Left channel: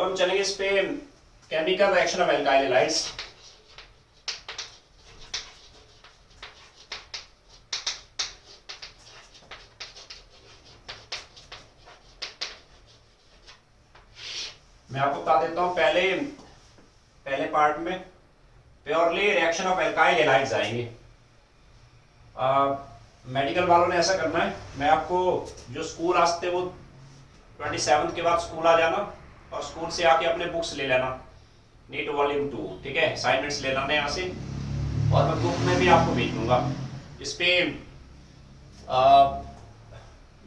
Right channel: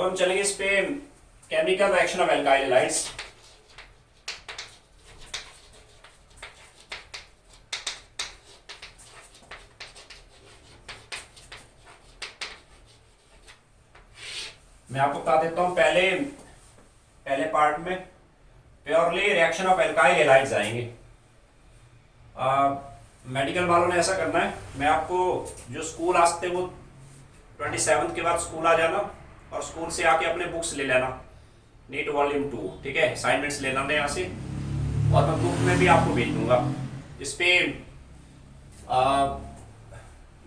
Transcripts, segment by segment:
अब हम चलेंगे इस पे chemical reaction of alkyl halides. मैं आपको बता देता हूं, पहले पार्ट में purely reaction of alkyl halides आएंगे। मेडिकल वालों ने ऐसा करना है, मैं आपको जो स्कूल आते वो 27 के बाद स्कूल आ जाना और स्कूल से आके अपने बुक्स ले लेना, नीट वॉल्यूम 2, ठीक है, असाइनमेंट्स ले लेना यहाँ से, और मैं बुक में भी आपको भेज दूंगा। इस पे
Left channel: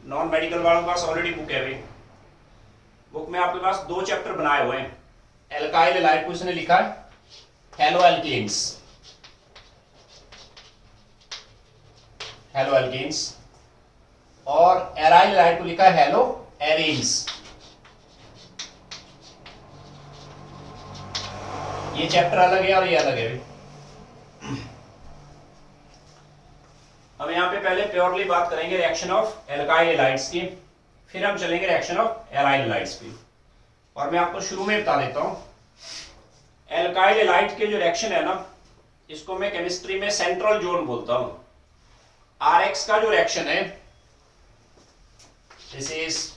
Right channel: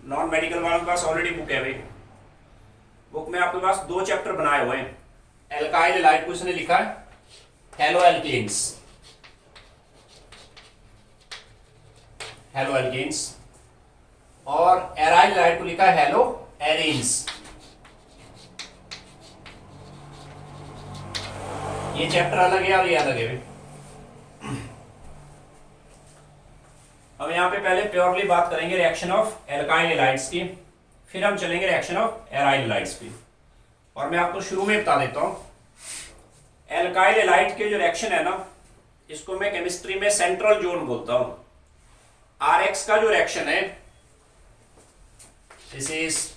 नॉन मेडिकल वालों के पास ऑलरेडी बुक है भाई। बुक में आपके पास 2 चैप्टर बनाए हुए हैं। एल्काइल हैलाइड को इसने लिखा है हेलो एल्केन्स, हेलो एल्केन्स, और एराइल हैलाइड को लिखा है हेलो एरेन्स। ये चैप्टर अलग है और ये अलग है। अब यहाँ पे पहले प्योरली बात करेंगे रिएक्शन ऑफ एल्काइल हैलाइड्स की, फिर हम चलेंगे रिएक्शन ऑफ एराइल हैलाइड्स की। और मैं आपको शुरू में बता देता हूं, एल्काइल हैलाइड के जो रिएक्शन है ना, इसको मैं केमिस्ट्री में सेंट्रल जोन बोलता हूं। आरएक्स का जो रिएक्शन है, this is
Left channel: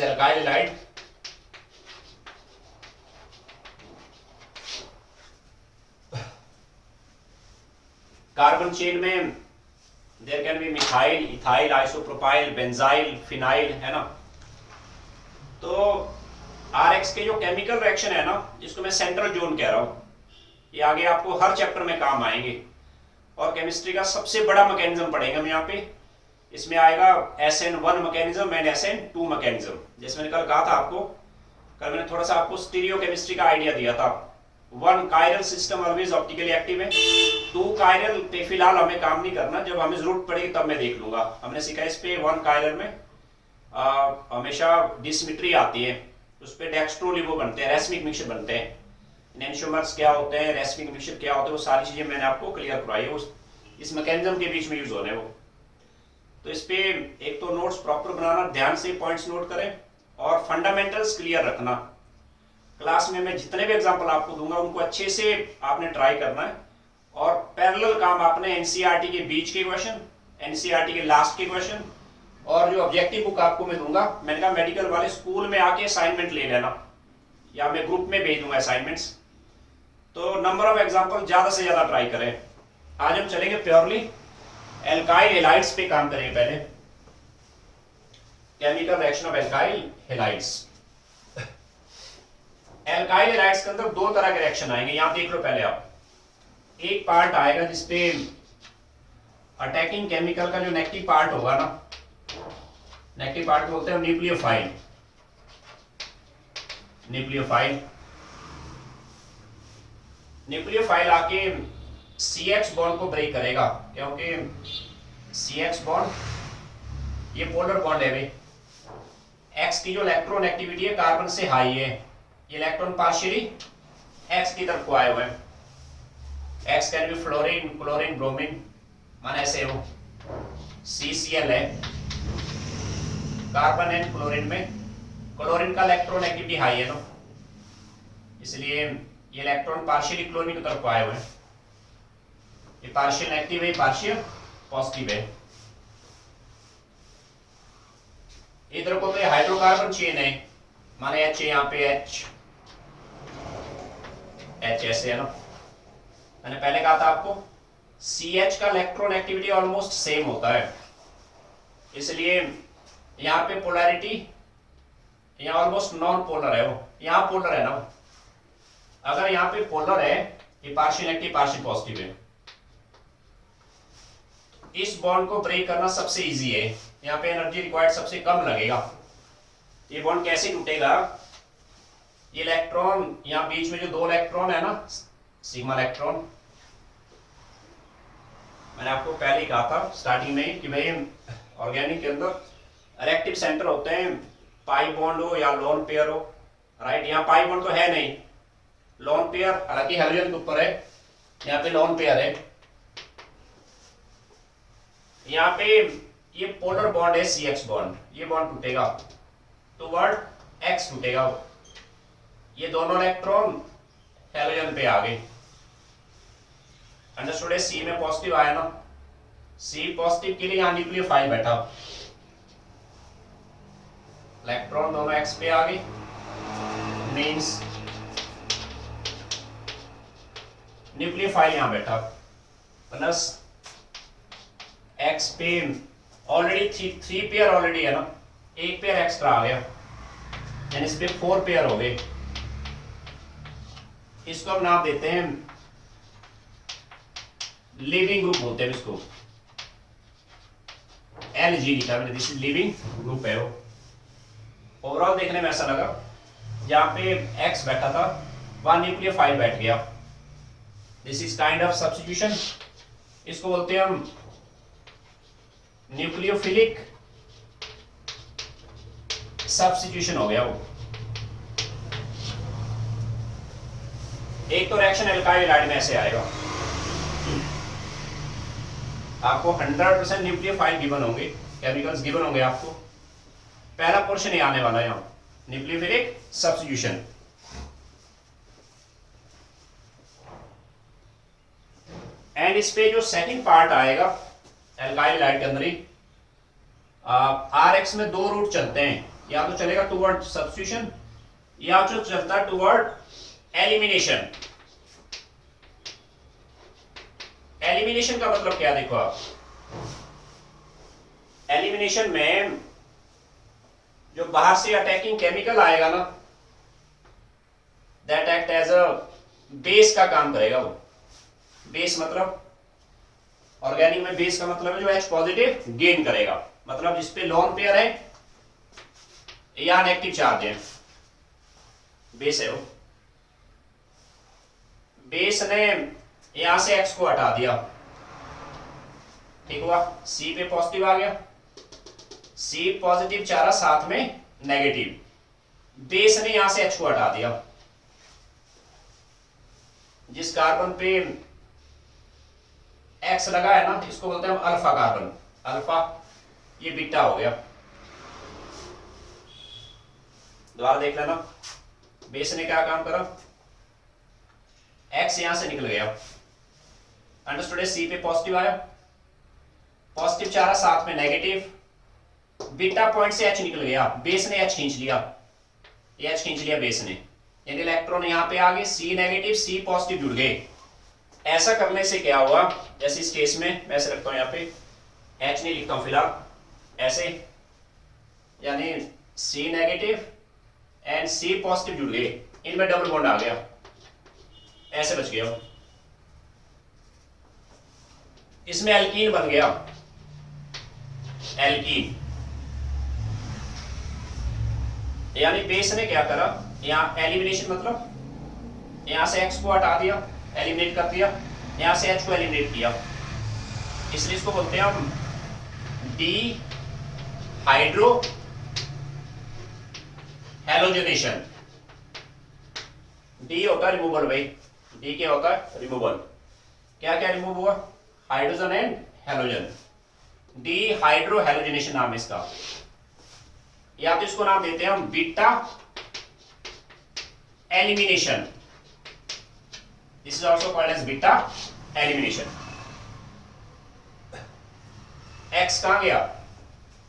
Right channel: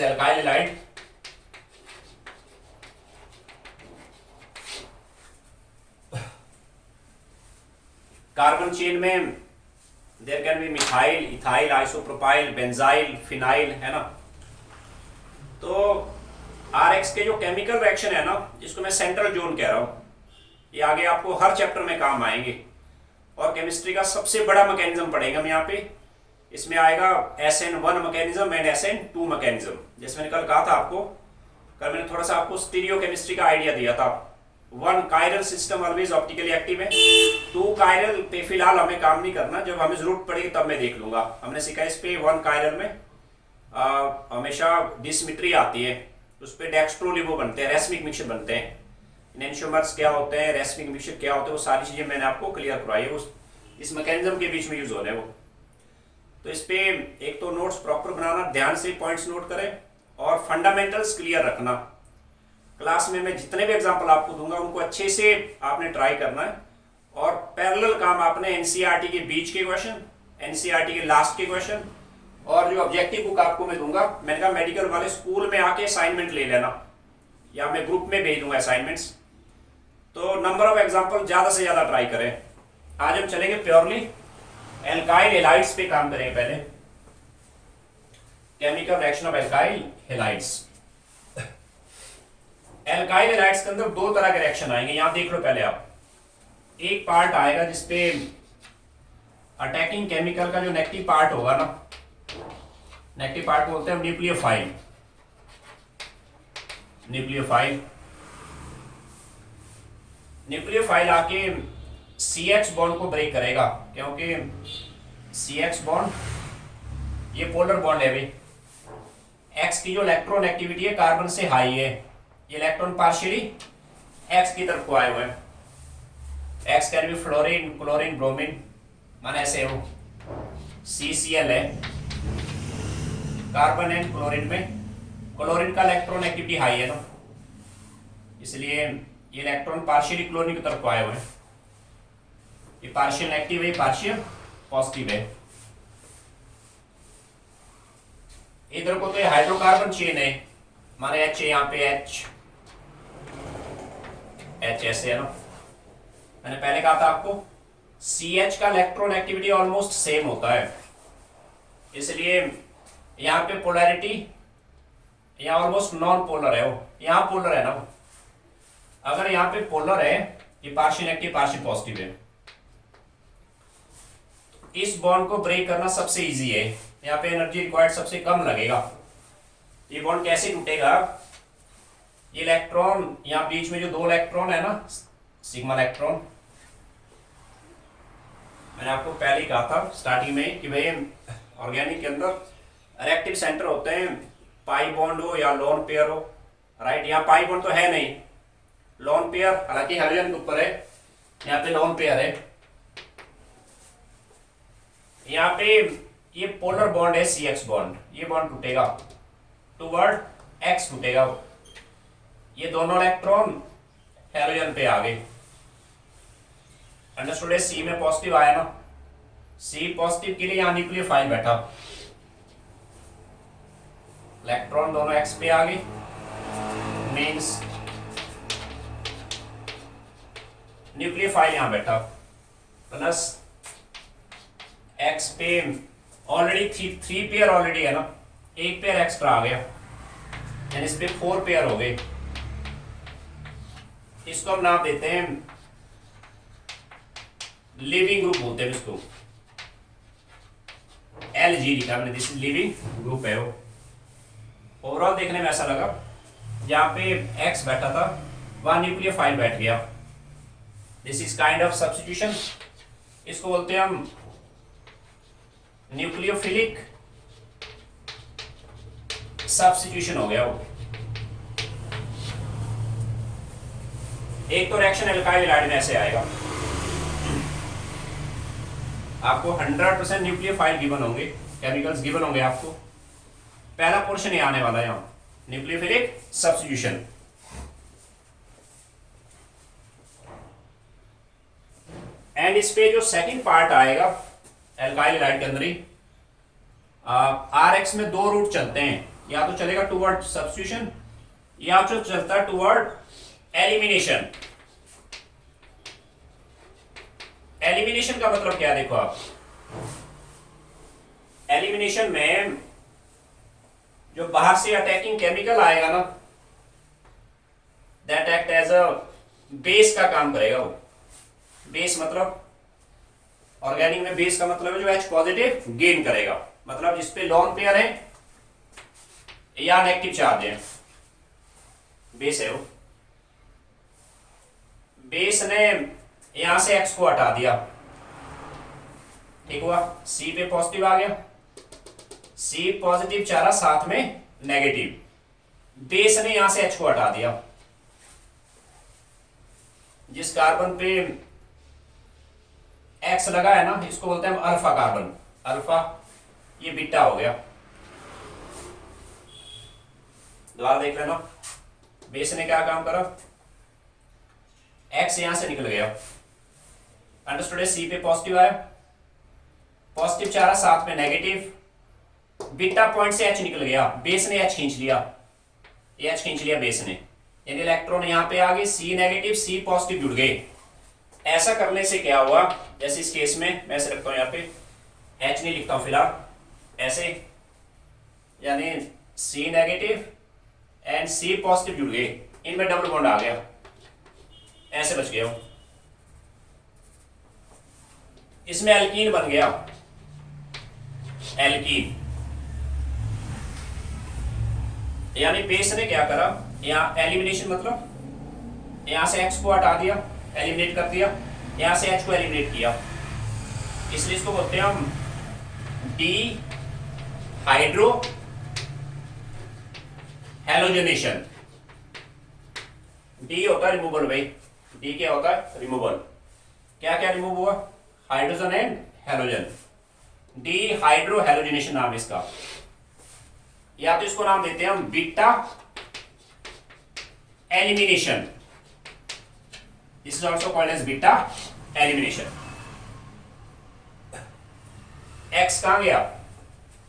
alkyl halide, carbon chain में there can be methyl, ethyl, isopropyl, benzyl, phenyl, है ना। तो आरएक्स के जो केमिकल रिएक्शन है ना, इसको मैं सेंट्रल जोन कह रहा हूं। ये आगे आपको हर चैप्टर में काम आएंगे और केमिस्ट्री का सबसे बड़ा मैकेनिज्म पढ़ेंगे हम यहाँ पे। इसमें आएगा SN1 mechanism and SN2 mechanism. जैसे मैंने कल कहा था आपको, कल मैंने थोड़ा सा आपको स्टीरियो केमिस्ट्री का आइडिया दिया था। 1 chiral system always optically active है, 2 कायरल पे फिलहाल हमें काम नहीं करना, जब हमें जरूरत पड़ेगी तब मैं देख लूंगा। हमने सीखा इस पे 1 कायरल में हमेशा डिसिमेट्री आती है, उस पर डेक्स्ट्रोलिवो बनते हैं, रेसमिक मिक्सचर बनते हैं, एनेंटियोमर्स क्या होते हैं, रेसमिक मिक्सचर क्या होते हैं, वो सारी चीजें मैंने आपको क्लियर करवाई है। इस मैकेनिज्म के बीच में यूज होने वो। तो इस पे एक तो नोट्स प्रॉपर बनाना, ध्यान से पॉइंट्स नोट करें और फंडामेंटल्स क्लियर रखना। क्लास में मैं जितने भी एग्जांपल आपको दूंगा उनको अच्छे से आपने ट्राई करना है, और पैरेलल काम आपने एनसीईआरटी के बीच के क्वेश्चन, एनसीईआरटी के लास्ट के क्वेश्चन, और जो ऑब्जेक्टिव बुक आपको मैं दूंगा, मैंने कहा मेडिकल वाले स्कूल में आके असाइनमेंट ले लेना या मैं ग्रुप में भेज दूंगा असाइनमेंट्स। तो नंबर ऑफ एग्जांपल ज्यादा से ज्यादा ट्राई करें। आज हम चलेंगे प्योरली एल्काइल हैलाइड्स पे काम करेंगे। पहले chemical reaction of alkyl halides. Alkyl halides के अंदर 2 तरह के रिएक्शन आएंगे, यहां देख लो पहले आप। एक पार्ट आएगा जिसपे अटैकिंग केमिकल का जो नेगेटिव पार्ट होगा ना, नेगेटिव पार्ट बोलते हैं न्यूक्लियोफाइल। न्यूक्लियोफाइल आके CH बॉन्ड को ब्रेक करेगा, क्योंकि CH बॉन्ड ये पोलर बॉन्ड है भाई। X की जो इलेक्ट्रॉन एक्टिविटी है कार्बन से हाई है, ये इलेक्ट्रॉन पार्शियली X की तरफ को आए हुए हैं। X can be fluorine, chlorine, bromine, माना ऐसे हो। CCl है, कार्बन एंड क्लोरीन में क्लोरीन का इलेक्ट्रॉन एक्टिविटी हाई है ना, इसलिए ये इलेक्ट्रॉन पार्शियली क्लोरीन की तरफ को आए हुए हैं। ये पार्शियल नेगेटिव है, पार्शियल पॉजिटिव है। इधर को तो ये हाइड्रोकार्बन चेन है, माने H है, यहाँ पे H ऐसे है ना। मैंने पहले कहा था आपको CH का इलेक्ट्रॉन एक्टिविटी ऑलमोस्ट सेम होता है, इसलिए यहाँ पे पोलैरिटी यहाँ ऑलमोस्ट नॉन पोलर है, वो यहाँ पोलर है ना। अगर यहाँ पे पोलर है, ये पार्शियल नेगेटिव पार्शियल पॉजिटिव है, इस बॉन्ड को ब्रेक करना सबसे इजी है। यहाँ पे एनर्जी रिक्वायर्ड सबसे कम लगेगा। ये बॉन्ड कैसे टूटेगा, ये इलेक्ट्रॉन यहाँ बीच में जो 2 इलेक्ट्रॉन है ना, सिग्मा इलेक्ट्रॉन, मैंने आपको पहले ही कहा था स्टार्टिंग में कि भाई ऑर्गेनिक के अंदर रिएक्टिव सेंटर होते हैं, पाई बॉन्ड हो या लोन पेयर हो, राइट। यहाँ पाई बॉन्ड तो है नहीं, लोन पेयर, हालांकि हाइड्रोजन के ऊपर है, यहाँ पे लोन पेयर है। यहाँ पे ये पोलर बॉन्ड है CH बॉन्ड, ये बॉन्ड टूटेगा टूवर्ड एक्स टूटेगा वो। ये दोनों इलेक्ट्रॉन हेलोजन पे आ गए। अंडरस्टूड है? सी में पॉजिटिव आया ना, सी पॉजिटिव के लिए यहां न्यूक्लियोफाइल बैठा, इलेक्ट्रॉन दोनों एक्स पे आ गए, मींस न्यूक्लियोफाइल यहां बैठा, प्लस एक्स पे ऑलरेडी थ्री पेयर ऑलरेडी है ना, एक पेयर एक्स्ट्रा आ गया, यानी इस पे 4 पेयर हो गए। इसको हम नाम देते हैं लिविंग ग्रुप बोलते हैं इसको, LG लिखा मैंने, दिस इज लिविंग ग्रुप है वो। ओवरऑल देखने में ऐसा लगा, जहां पे एक्स बैठा था वहां न्यूक्लियोफाइल बैठ गया। This is kind of substitution, इसको बोलते हैं हम न्यूक्लियोफिलिक सब्स्टिट्यूशन हो गया वो। एक तो रिएक्शन एल्काइल हैलाइड में ऐसे आएगा, आपको 100% न्यूक्लियोफाइल गिवन होंगे, केमिकल्स गिवन होंगे आपको। पहला पोर्शन ये आने वाला है यहां, न्यूक्लियोफिलिक सब्स्टिट्यूशन। एंड इस पे जो सेकंड पार्ट आएगा एल्काइल हैलाइड के अंदर ही, RX में 2 रूट चलते हैं, या तो चलेगा टुवर्ड सब्स्टिट्यूशन या जो चलता है टुवर्ड एलिमिनेशन। एलिमिनेशन का मतलब क्या, देखो आप, एलिमिनेशन में जो बाहर से अटैकिंग केमिकल आएगा ना, that act as a base का काम करेगा वो। बेस मतलब ऑर्गेनिक में बेस का मतलब है जो H पॉजिटिव गेन करेगा, मतलब जिसपे लोन पेयर है या नेगेटिव चार्ज है, बेस है वो। बेस ने यहां से X को हटा दिया, ठीक हुआ, C पे पॉजिटिव आ गया, C पॉजिटिव चारा साथ में नेगेटिव, बेस ने यहां से H को हटा दिया। जिस कार्बन पे X लगा है ना, इसको बोलते हैं हम अल्फा कार्बन, अल्फा, ये बीटा हो गया। दोबारा देख लेना, बेस ने क्या काम करा, X यहां से निकल गया, अंडरस्टूड है? C पे पॉजिटिव आया, पॉजिटिव चारा साथ में नेगेटिव, बीटा पॉइंट से H निकल गया, बेस ने H खींच लिया, ये H खींच लिया बेस ने, यानी इलेक्ट्रॉन यहां पे आ गए, C नेगेटिव C पॉजिटिव जुड़ गए। ऐसा करने से क्या हुआ, जैसे इस केस में मैं ऐसे रखता हूं, यहां पे H नहीं लिखता हूं फिलहाल, ऐसे, यानी C negative and C positive जुड़ गए, इनमें डबल बॉन्ड आ गया, ऐसे बच गया, इसमें एल्कीन बन गया, एल्कीन। यानी बेस ने क्या करा, यहां एलिमिनेशन मतलब यहां से X को हटा दिया, एलिमिनेट कर दिया, यहां से H को एलिमिनेट किया, इसलिए इसको बोलते हैं हम डी हाइड्रो हेलोजनेशन। डी होता है रिमूवल भाई, डी क्या होता है, रिमूवल। क्या क्या रिमूव हुआ, hydrogen and halogen, D hydro halogenation नाम है इसका, या तो इसको नाम देते हैं हम beta elimination, this is also called as beta elimination. X कहां गया,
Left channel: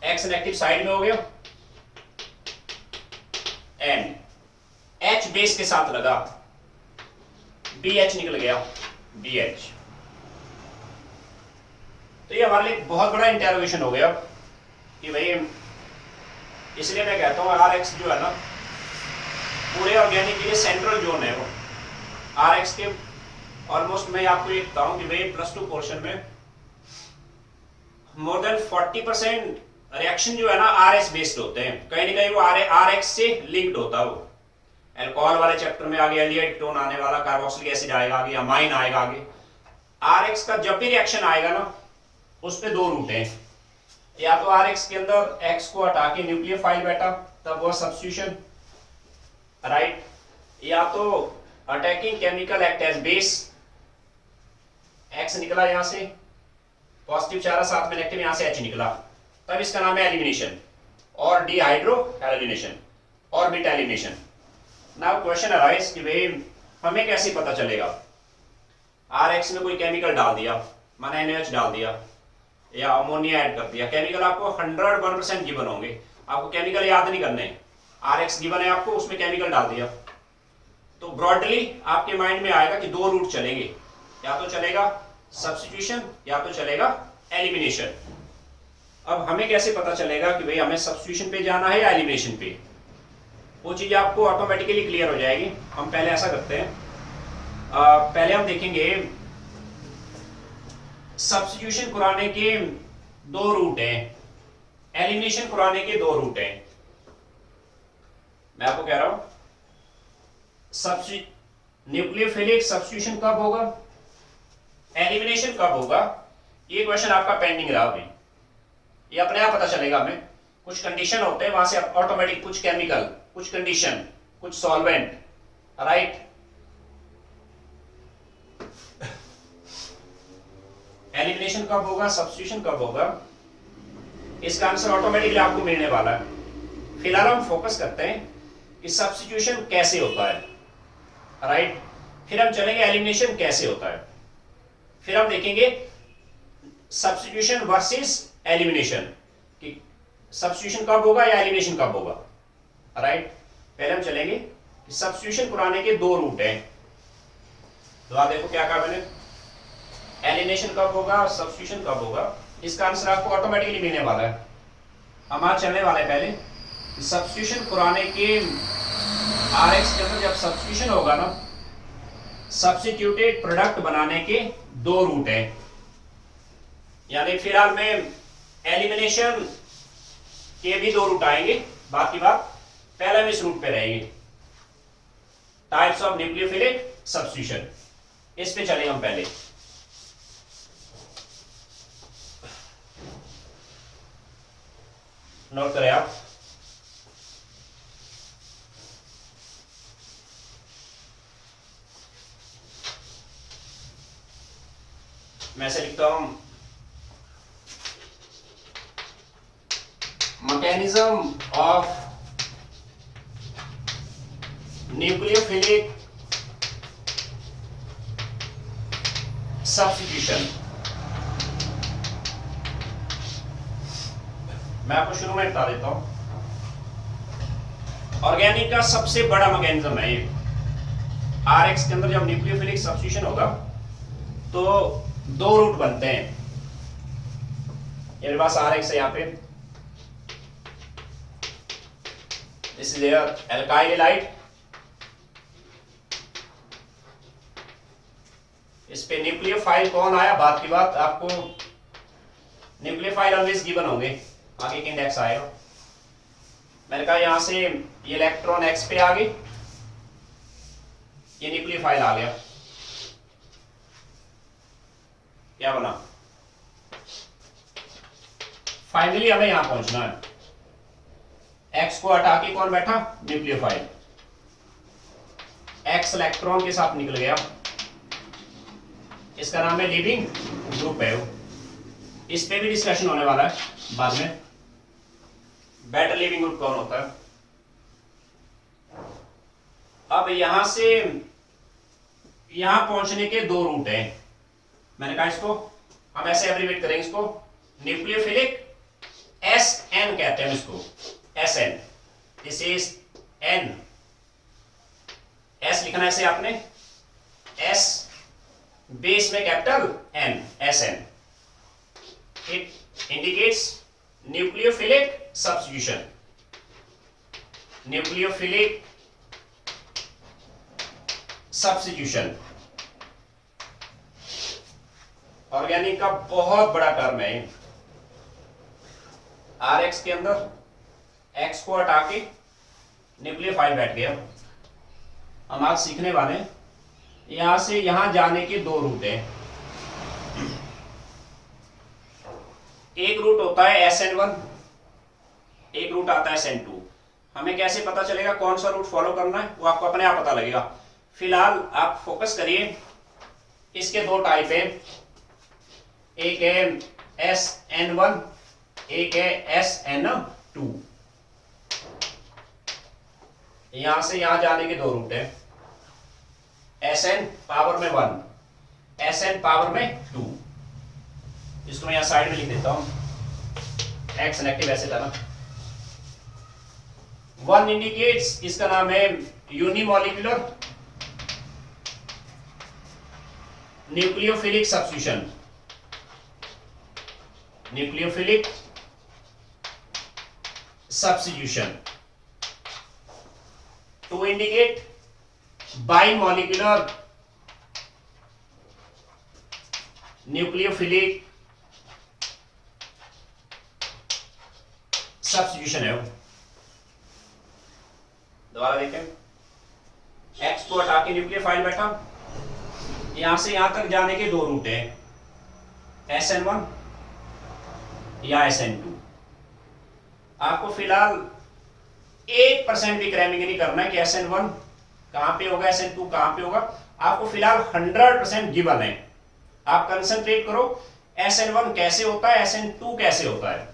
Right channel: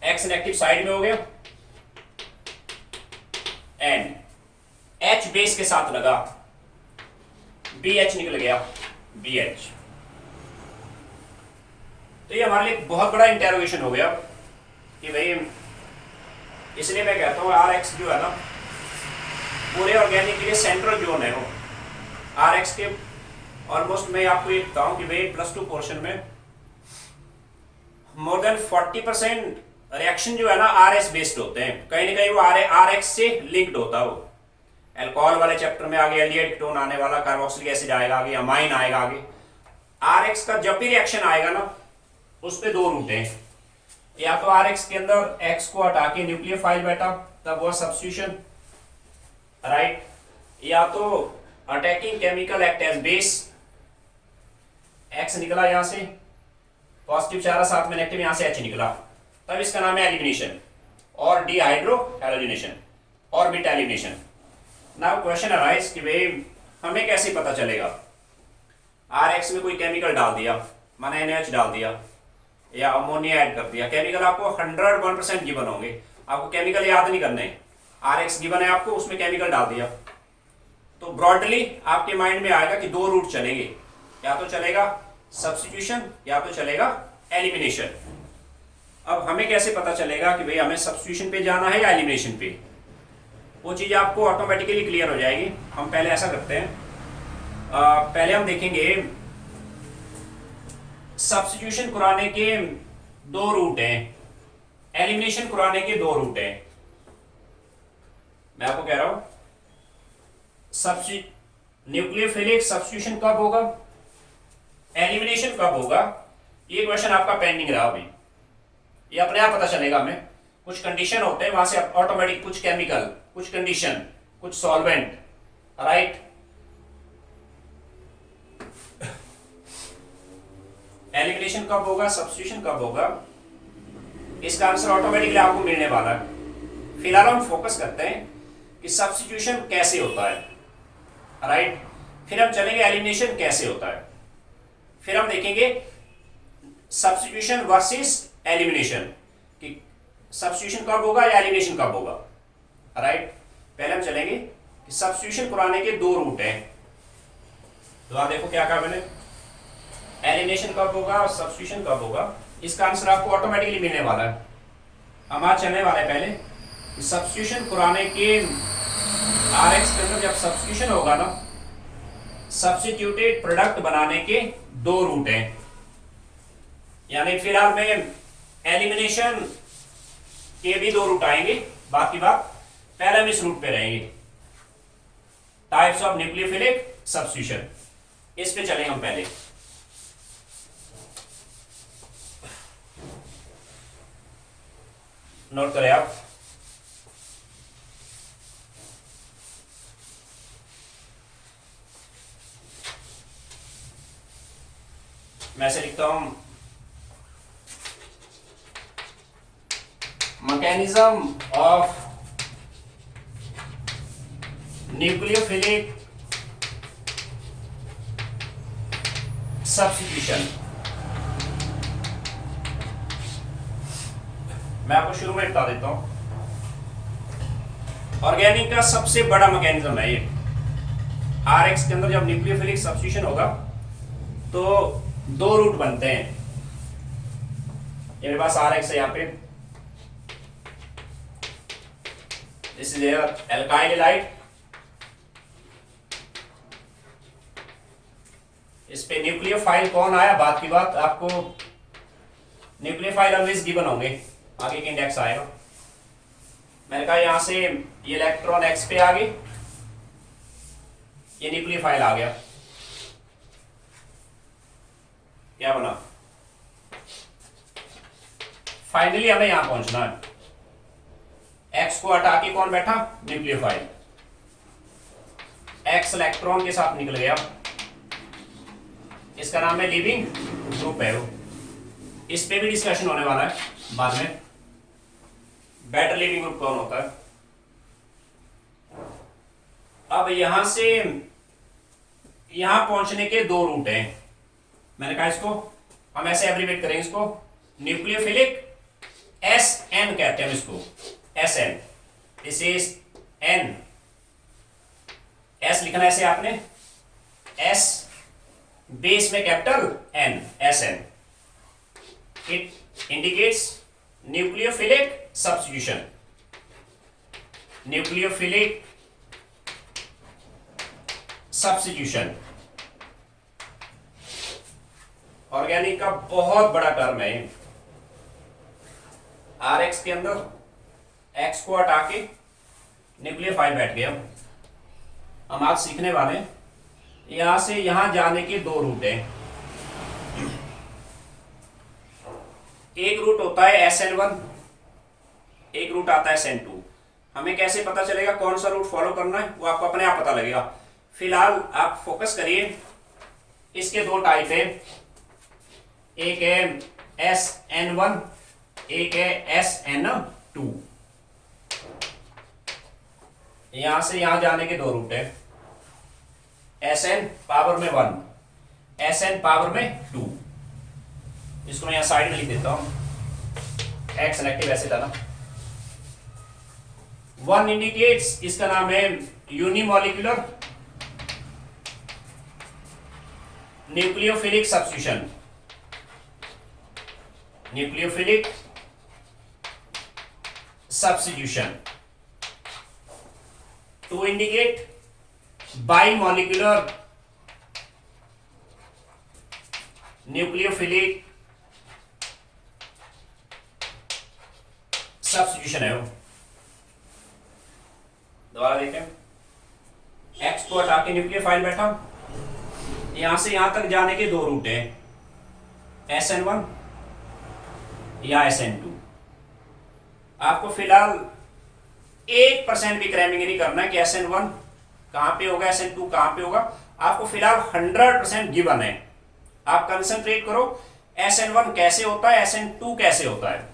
X नेगेटिव साइड में हो गया, एंड H बेस के साथ लगा, BH निकल गया, BH। तो ये हमारे लिए बहुत बड़ा इंटेरोगेशन हो गया कि भाई, इसलिए मैं कहता हूं RX जो है ना, पूरे ऑर्गेनिक के लिए सेंट्रल जोन है वो। RX के ऑलमोस्ट मैं आपको ये बताऊं कि भाई +2 पोर्शन में मोर देन 40% रिएक्शन जो है ना RS बेस्ड होते हैं, कहीं ना कहीं वो RX से लिंक्ड होता है वो। अल्कोहल वाले चैप्टर में आगे एल्डिहाइड कीटोन आने वाला, कार्बोक्सिलिक एसिड आएगा आगे, अमाइन आएगा आगे। RX का जब भी रिएक्शन आएगा ना, उस पे 2 रूट हैं, या तो RX के अंदर X को हटा के न्यूक्लियोफाइल बैठा, तब वो सब्स्टिट्यूशन, राइट, या तो attacking chemical act as base, X निकला यहां से, पॉजिटिव चारा साथ में नेगेटिव, यहां से H निकला, तब इसका नाम है एलिमिनेशन और dehydro halogenation. Orbit elimination. Now question arise कि भाई हमें कैसे पता चलेगा, RX में कोई केमिकल डाल दिया, माना NaOH डाल दिया या अमोनिया ऐड कर दिया, केमिकल आपको 101% गिवन होंगे, आपको केमिकल याद नहीं करने, RX गिवन है आपको, उसमें केमिकल डाल दिया, तो ब्रॉडली आपके माइंड में आएगा कि दो रूट चलेंगे, या तो चलेगा सब्स्टिट्यूशन या तो चलेगा एलिमिनेशन। अब हमें कैसे पता चलेगा कि भाई हमें सब्स्टिट्यूशन पे जाना है या एलिमिनेशन पे, वो चीज आपको ऑटोमेटिकली क्लियर हो जाएगी। हम पहले ऐसा करते हैं, पहले हम देखेंगे सब्स्टिट्यूशन कराने के दो रूट हैं, एलिमिनेशन कराने के दो रूट हैं। मैं आपको कह रहा हूं न्यूक्लियोफिलिक सब्स्टिट्यूशन कब होगा, एलिमिनेशन कब होगा, ये क्वेश्चन आपका पेंडिंग रहा अभी, ये अपने आप पता चलेगा हमें। कुछ कंडीशन होते हैं, वहां से ऑटोमेटिक कुछ केमिकल, कुछ कंडीशन, कुछ सॉल्वेंट, राइट। एलिमिनेशन कब होगा, सब्स्टिट्यूशन कब होगा, इसका आंसर ऑटोमेटिकली आपको मिलने वाला है। फिलहाल हम फोकस करते हैं कि सब्स्टिट्यूशन कैसे होता है, राइट। फिर हम चलेंगे एलिमिनेशन कैसे होता है, फिर हम देखेंगे सब्स्टिट्यूशन वर्सेस एलिमिनेशन कि सब्स्टिट्यूशन कब होगा या एलिमिनेशन कब होगा, राइट। पहले हम चलेंगे कि सब्स्टिट्यूशन कराने के दो रूट हैं, तो आप देखो क्या कहा मैंने, एलिमिनेशन कब होगा और सब्स्टिट्यूशन कब होगा, इसका आंसर आपको ऑटोमेटिकली मिलने वाला है। हम आज चलने वाले पहले कि सब्स्टिट्यूशन कराने के RX के अंदर जब सब्स्टिट्यूशन होगा ना, सब्स्टिट्यूटेड प्रोडक्ट बनाने के दो रूट हैं, यानी फिलहाल में एलिमिनेशन के भी दो रूट आएंगे, बाकी बात पहले हम इस रूट पे रहेंगे, टाइप्स ऑफ न्यूक्लियोफिलिक सब्स्टिट्यूशन, इस पे चलेंगे हम पहले। नोट करें आप, मैं से लिखता हूं मैकेनिज्म ऑफ न्यूक्लियोफिलिक सब्स्टिट्यूशन। मैं आपको शुरू में बता देता हूं, ऑर्गेनिक का सबसे बड़ा मैकेनिज्म है ये। RX के अंदर जब न्यूक्लियोफिलिक सब्स्टिट्यूशन होगा तो दो रूट बनते हैं, मेरे पास RX है, यहां पे दिस इज एल्काइल हैलाइड, इस पे न्यूक्लियोफाइल कौन आया, बात की बात, आपको न्यूक्लियोफाइल ऑलवेज गिवन होंगे, आगे के इंडेक्स आएगा। मैंने कहा यहां से ये इलेक्ट्रॉन X पे आ गई, ये न्यूक्लियोफाइल आ गया, क्या बना, फाइनली हमें यहां पहुंचना है, X को हटा के कौन बैठा, न्यूक्लियोफाइल, X इलेक्ट्रॉन के साथ निकल गया, इसका नाम है लीविंग ग्रुप है वो, इस पे भी डिस्कशन होने वाला है बाद में, बेटर लीविंग ग्रुप कौन होता है। अब यहां से यहां पहुंचने के दो रूट हैं, मैंने कहा इसको हम ऐसे एब्रीवेट करेंगे, इसको न्यूक्लियोफिलिक SN कहते हैं इसको, SN, this is N, S लिखना है इसे आपने, S बेस में capital N, SN, it indicates nucleophilic substitution, nucleophilic substitution organic का बहुत बड़ा टर्म है। RX के अंदर X को हटा के न्यूक्लियोफाइल बैठ गया। हम आज सीखने वाले हैं यहां से यहां जाने के दो रूट हैं, एक रूट होता है SN1, एक रूट आता है SN2। हमें कैसे पता चलेगा कौन सा रूट फॉलो करना है, वो आपको अपने आप पता लगेगा। फिलहाल आप फोकस करिए, इसके दो टाइप हैं, एक है SN1, एक है SN2। यहां से यहां जाने के दो रूट है, Sn पावर में 1, Sn पावर में 2। इसको मैं यहां साइड में लिख देता हूं, एक्स नेगेटिव ऐसे था ना। 1 इंडिकेट्स, इसका नाम है unimolecular nucleophilic substitution, nucleophilic substitution. 2 indicate bimolecular nucleophilic substitution है वो। दोबारा देखें, एक्स को हटा के न्यूक्लियोफाइल बैठा, यहां से यहां तक जाने के दो रूट हैं, SN1 या SN2। आपको फिलहाल 1% भी क्रैमिंग नहीं करना है कि SN1 कहां पे होगा, SN2 कहां पे होगा। आपको फिलहाल 100% गिवन है। आप कंसंट्रेट करो SN1 कैसे होता है, SN2 कैसे होता है।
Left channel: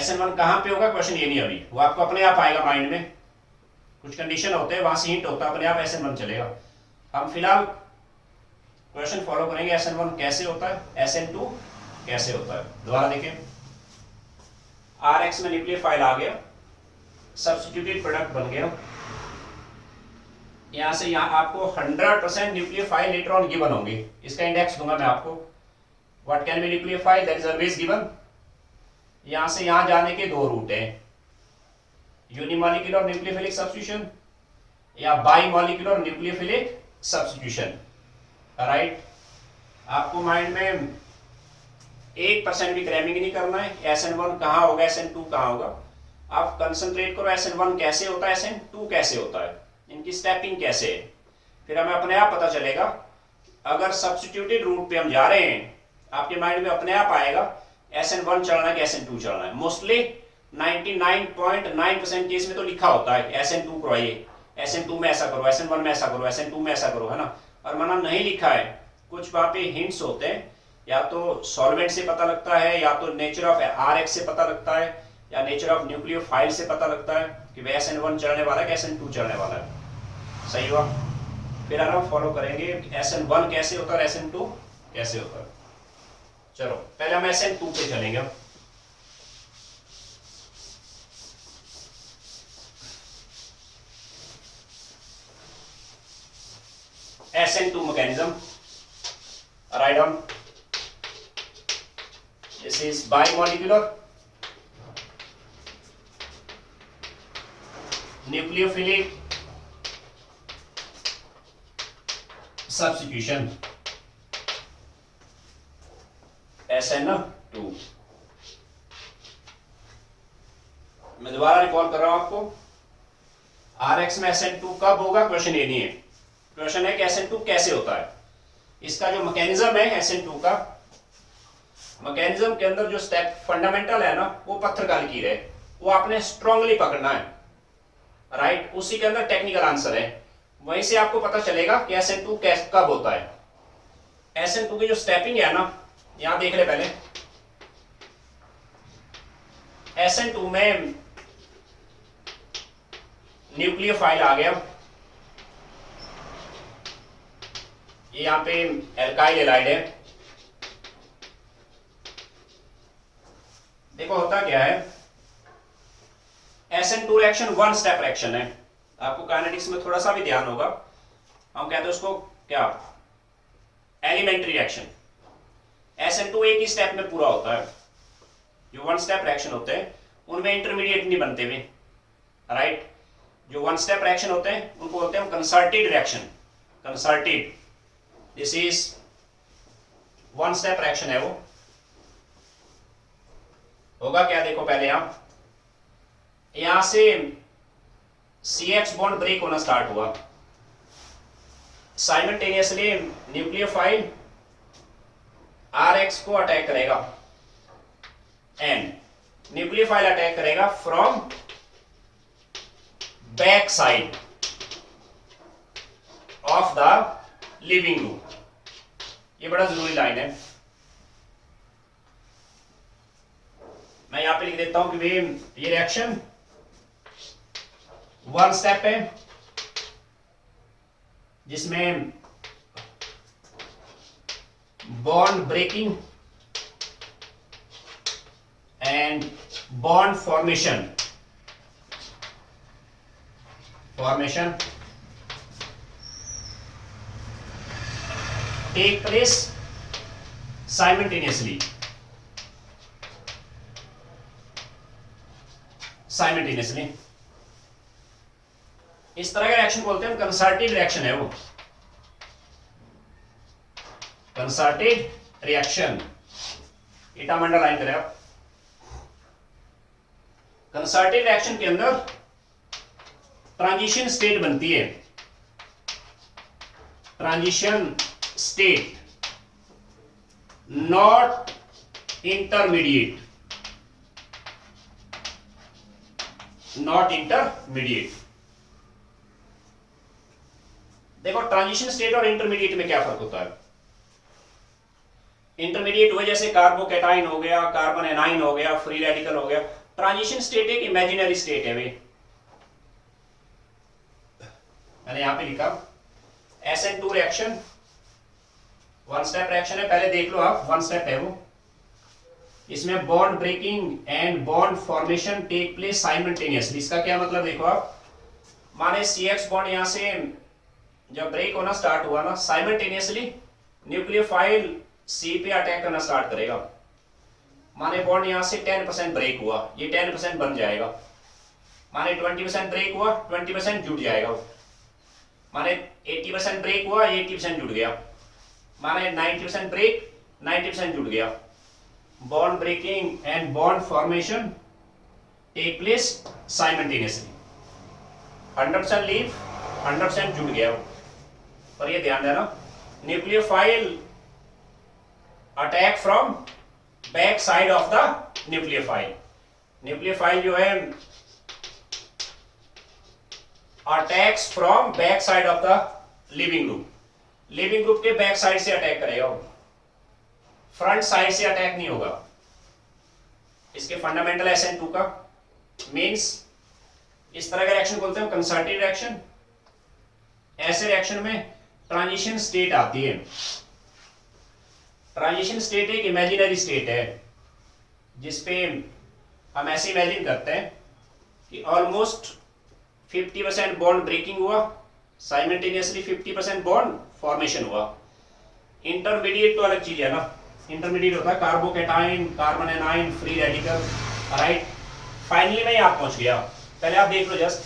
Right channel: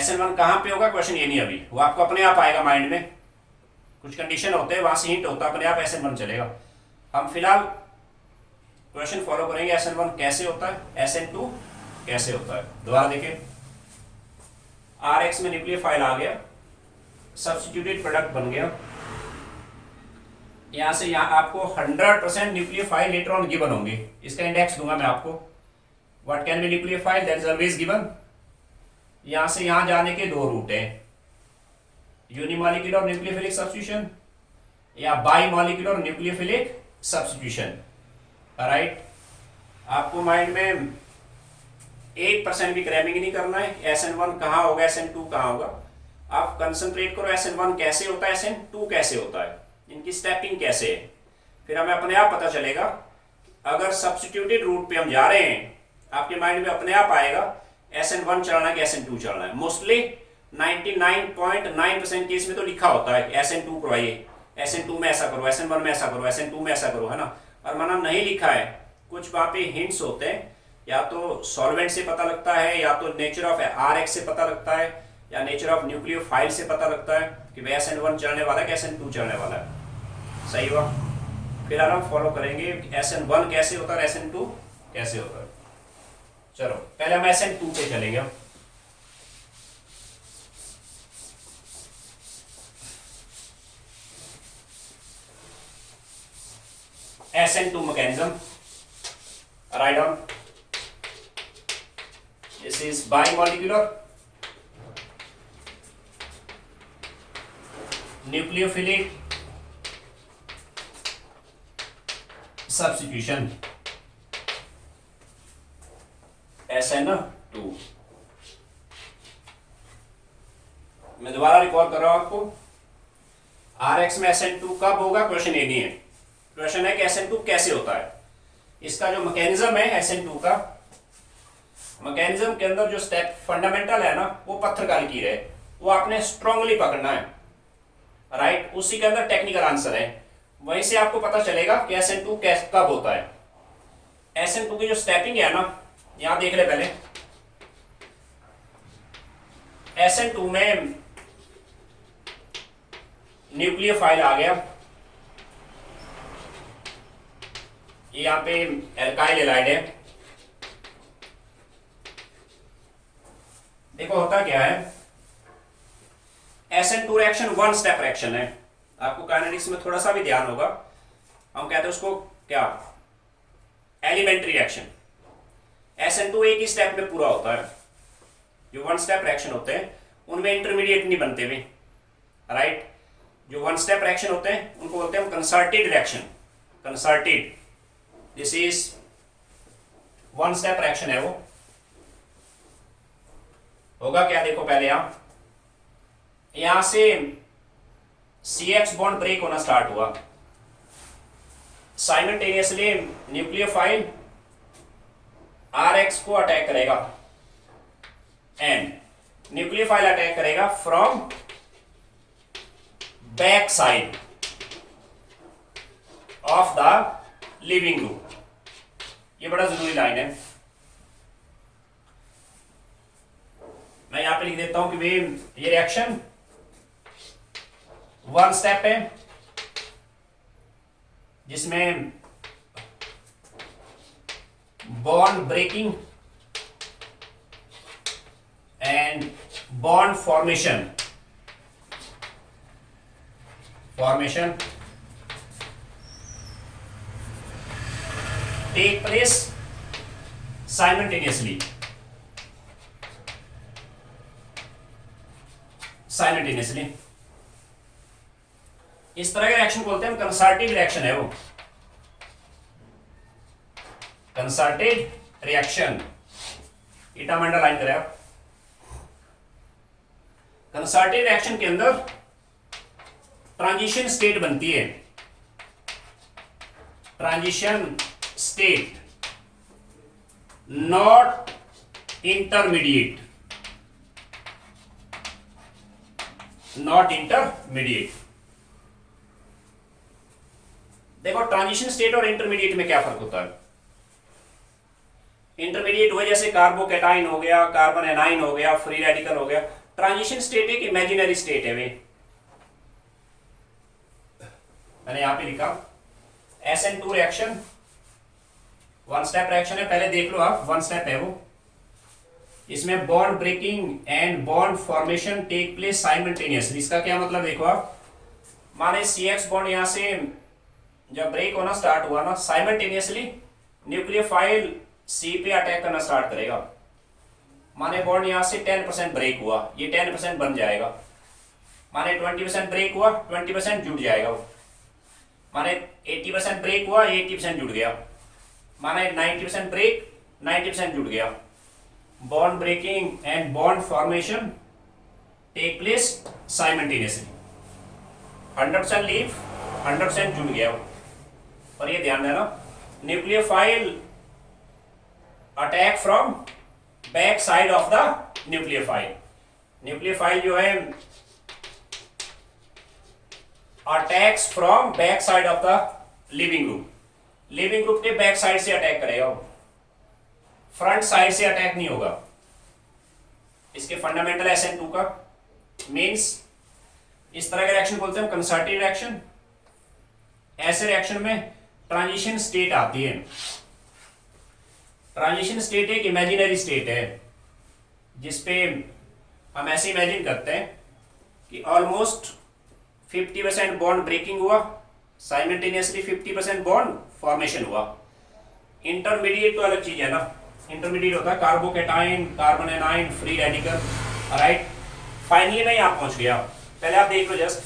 SN1 कहां पे होगा, क्वेश्चन ये नहीं अभी, वो आपको अपने आप आएगा माइंड में, कुछ कंडीशन होते हैं वहां से हिंट होता है, अपने आप SN1 चलेगा। हम फिलहाल क्वेश्चन फॉलो करेंगे, SN1 कैसे होता है, SN2 कैसे होता है। दोबारा देखें, RX में न्यूक्लियोफाइल आ गया, सब्स्टिट्यूटेड प्रोडक्ट बन गया, यहां से यहां आपको 100% न्यूक्लियोफाइल लेटर ऑन गिवन होंगे। इसका इंडेक्स दूंगा मैं आपको, what can be nucleophile, that is always given. यहां से यहां जाने के दो रूट हैं, यूनिमॉलिक्यूलर न्यूक्लियोफिलिक सब्स्टिट्यूशन या बाइमॉलिक्यूलर न्यूक्लियोफिलिक सब्स्टिट्यूशन। राइट, आपको माइंड में 1% भी क्रैमिंग नहीं करना है, SN1 कहां होगा, SN2 कहां होगा। आप कंसंट्रेट करो SN1 कैसे होता है, SN2 कैसे होता है, इनकी स्टेपिंग कैसे है, फिर हमें अपने आप पता चलेगा। अगर सब्स्टिट्यूटेड रूट पे हम जा रहे हैं, आपके माइंड में अपने आप आएगा SN1 चलना है कि SN2 चलना है। मोस्टली 99.9% केस में तो लिखा होता है SN2 करवाइए, SN2 में ऐसा करो, SN1 में ऐसा करो, SN2 में ऐसा करो, है ना। और माना नहीं लिखा है, कुछ वहां पे हिंट्स होते हैं, या तो सॉल्वेंट से पता लगता है, या तो नेचर ऑफ RX से पता लगता है, या नेचर ऑफ न्यूक्लियोफाइल से पता लगता है कि भाई SN1 चलने वाला है कि SN2 चलने वाला है। सही हुआ। फिर हम फॉलो करेंगे SN1 कैसे होता है, SN2 कैसे होता है। चलो पहले हम SN2 पे चलेंगे। SN2 mechanism, write down, this is bimolecular nucleophilic substitution, SN2। मैं दोबारा रिकॉल कर रहा हूं आपको, RX में SN2 कब होगा, क्वेश्चन ये नहीं है, क्वेश्चन है कि SN2 कैसे होता है। इसका जो मैकेनिज्म है SN2 का, मैकेनिज्म के अंदर जो स्टेप फंडामेंटल है ना, वो पत्थर का लकीर है, वो आपने स्ट्रांगली पकड़ना है। राइट, उसी के अंदर टेक्निकल आंसर है, वहीं से आपको पता चलेगा कि SN2 कब होता है। SN2 की जो स्टेपिंग है ना, यहां देख ले पहले, SN2 में न्यूक्लियोफाइल आ गया, ये यहां पे एल्काइल एलाइड है। देखो होता क्या है, SN2 रिएक्शन 1 स्टेप रिएक्शन है। आपको काइनेटिक्स में थोड़ा सा भी ध्यान होगा, हम कहते हैं उसको क्या, एलिमेंट्री रिएक्शन। SN2 एक ही स्टेप में पूरा होता है। जो 1 स्टेप रिएक्शन होते हैं उनमें इंटरमीडिएट नहीं बनते भी। राइट, जो 1 स्टेप रिएक्शन होते हैं उनको बोलते हैं concerted reaction, concerted. This is 1 step reaction है। वो होगा क्या, देखो पहले आप यहां से CX बॉन्ड ब्रेक होना स्टार्ट हुआ, साइमल्टेनियसली न्यूक्लियोफाइल RX को अटैक करेगा, एंड न्यूक्लियोफाइल अटैक करेगा from back side of the leaving group. ये बड़ा जरूरी लाइन है, मैं यहां पे लिख देता हूं कि ये रिएक्शन वन स्टेप है जिसमें bond breaking and bond formation take place simultaneously इस तरह का रिएक्शन बोलते हैं हम, कंसर्टेड रिएक्शन है वो, कंसर्टेड रिएक्शन। इटा में अंडरलाइन करें आप। कंसर्टेड रिएक्शन के अंदर ट्रांजिशन स्टेट बनती है, ट्रांजिशन स्टेट, नॉट इंटरमीडिएट, देखो ट्रांजिशन स्टेट और इंटरमीडिएट में क्या फर्क होता है। इंटरमीडिएट हुए जैसे कार्बोकैटाइन हो गया, कार्बन एनाइन हो गया, फ्री रेडिकल हो गया। ट्रांजिशन स्टेट एक इमेजिनरी स्टेट है वे, मैंने यहां पे लिखा SN2 reaction one step reaction है, पहले देख लो आप, वन स्टेप है वो। इसमें bond breaking and bond formation take place simultaneously. इसका क्या मतलब देखो आप, माने CX बॉन्ड यहां से जब ब्रेक होना स्टार्ट हुआ ना, साइमल्टेनियसली न्यूक्लियोफाइल C पे अटैक करना स्टार्ट करेगा। माने बॉन्ड यहां से 10% ब्रेक हुआ, ये 10% बन जाएगा। माने 20% ब्रेक हुआ, 20% जुड़ जाएगा। माने 80% ब्रेक हुआ, 80% जुड़ गया। माने 90% ब्रेक, 90% जुड़ गया। Bond breaking and bond formation take place simultaneously. 100% leave, 100% जुड़ गया। और ये ध्यान देना, nucleophile attack from back side of the nucleophile. Nucleophile जो है attacks from back side of the leaving group. Leaving group के बैक साइड से अटैक करेगा वो, फ्रंट साइड से अटैक नहीं होगा। इसके फंडामेंटल SN2 का मींस इस तरह का रिएक्शन बोलते हैं कंसर्टेड रिएक्शन। ऐसे रिएक्शन में ट्रांजिशन स्टेट आती है। ट्रांजिशन स्टेट एक इमेजिनरी स्टेट है जिसपे हम ऐसे इमेजिन करते हैं कि ऑलमोस्ट 50% बॉन्ड ब्रेकिंग हुआ, साइमल्टेनियसली 50% बॉन्ड फॉर्मेशन हुआ। इंटरमीडिएट तो अलग चीज है ना, इंटरमीडिएट होता है carbocation, carbon A9, free radical, right. Finally मैं यहां पहुंच गया, पहले आप देख लो जस्ट।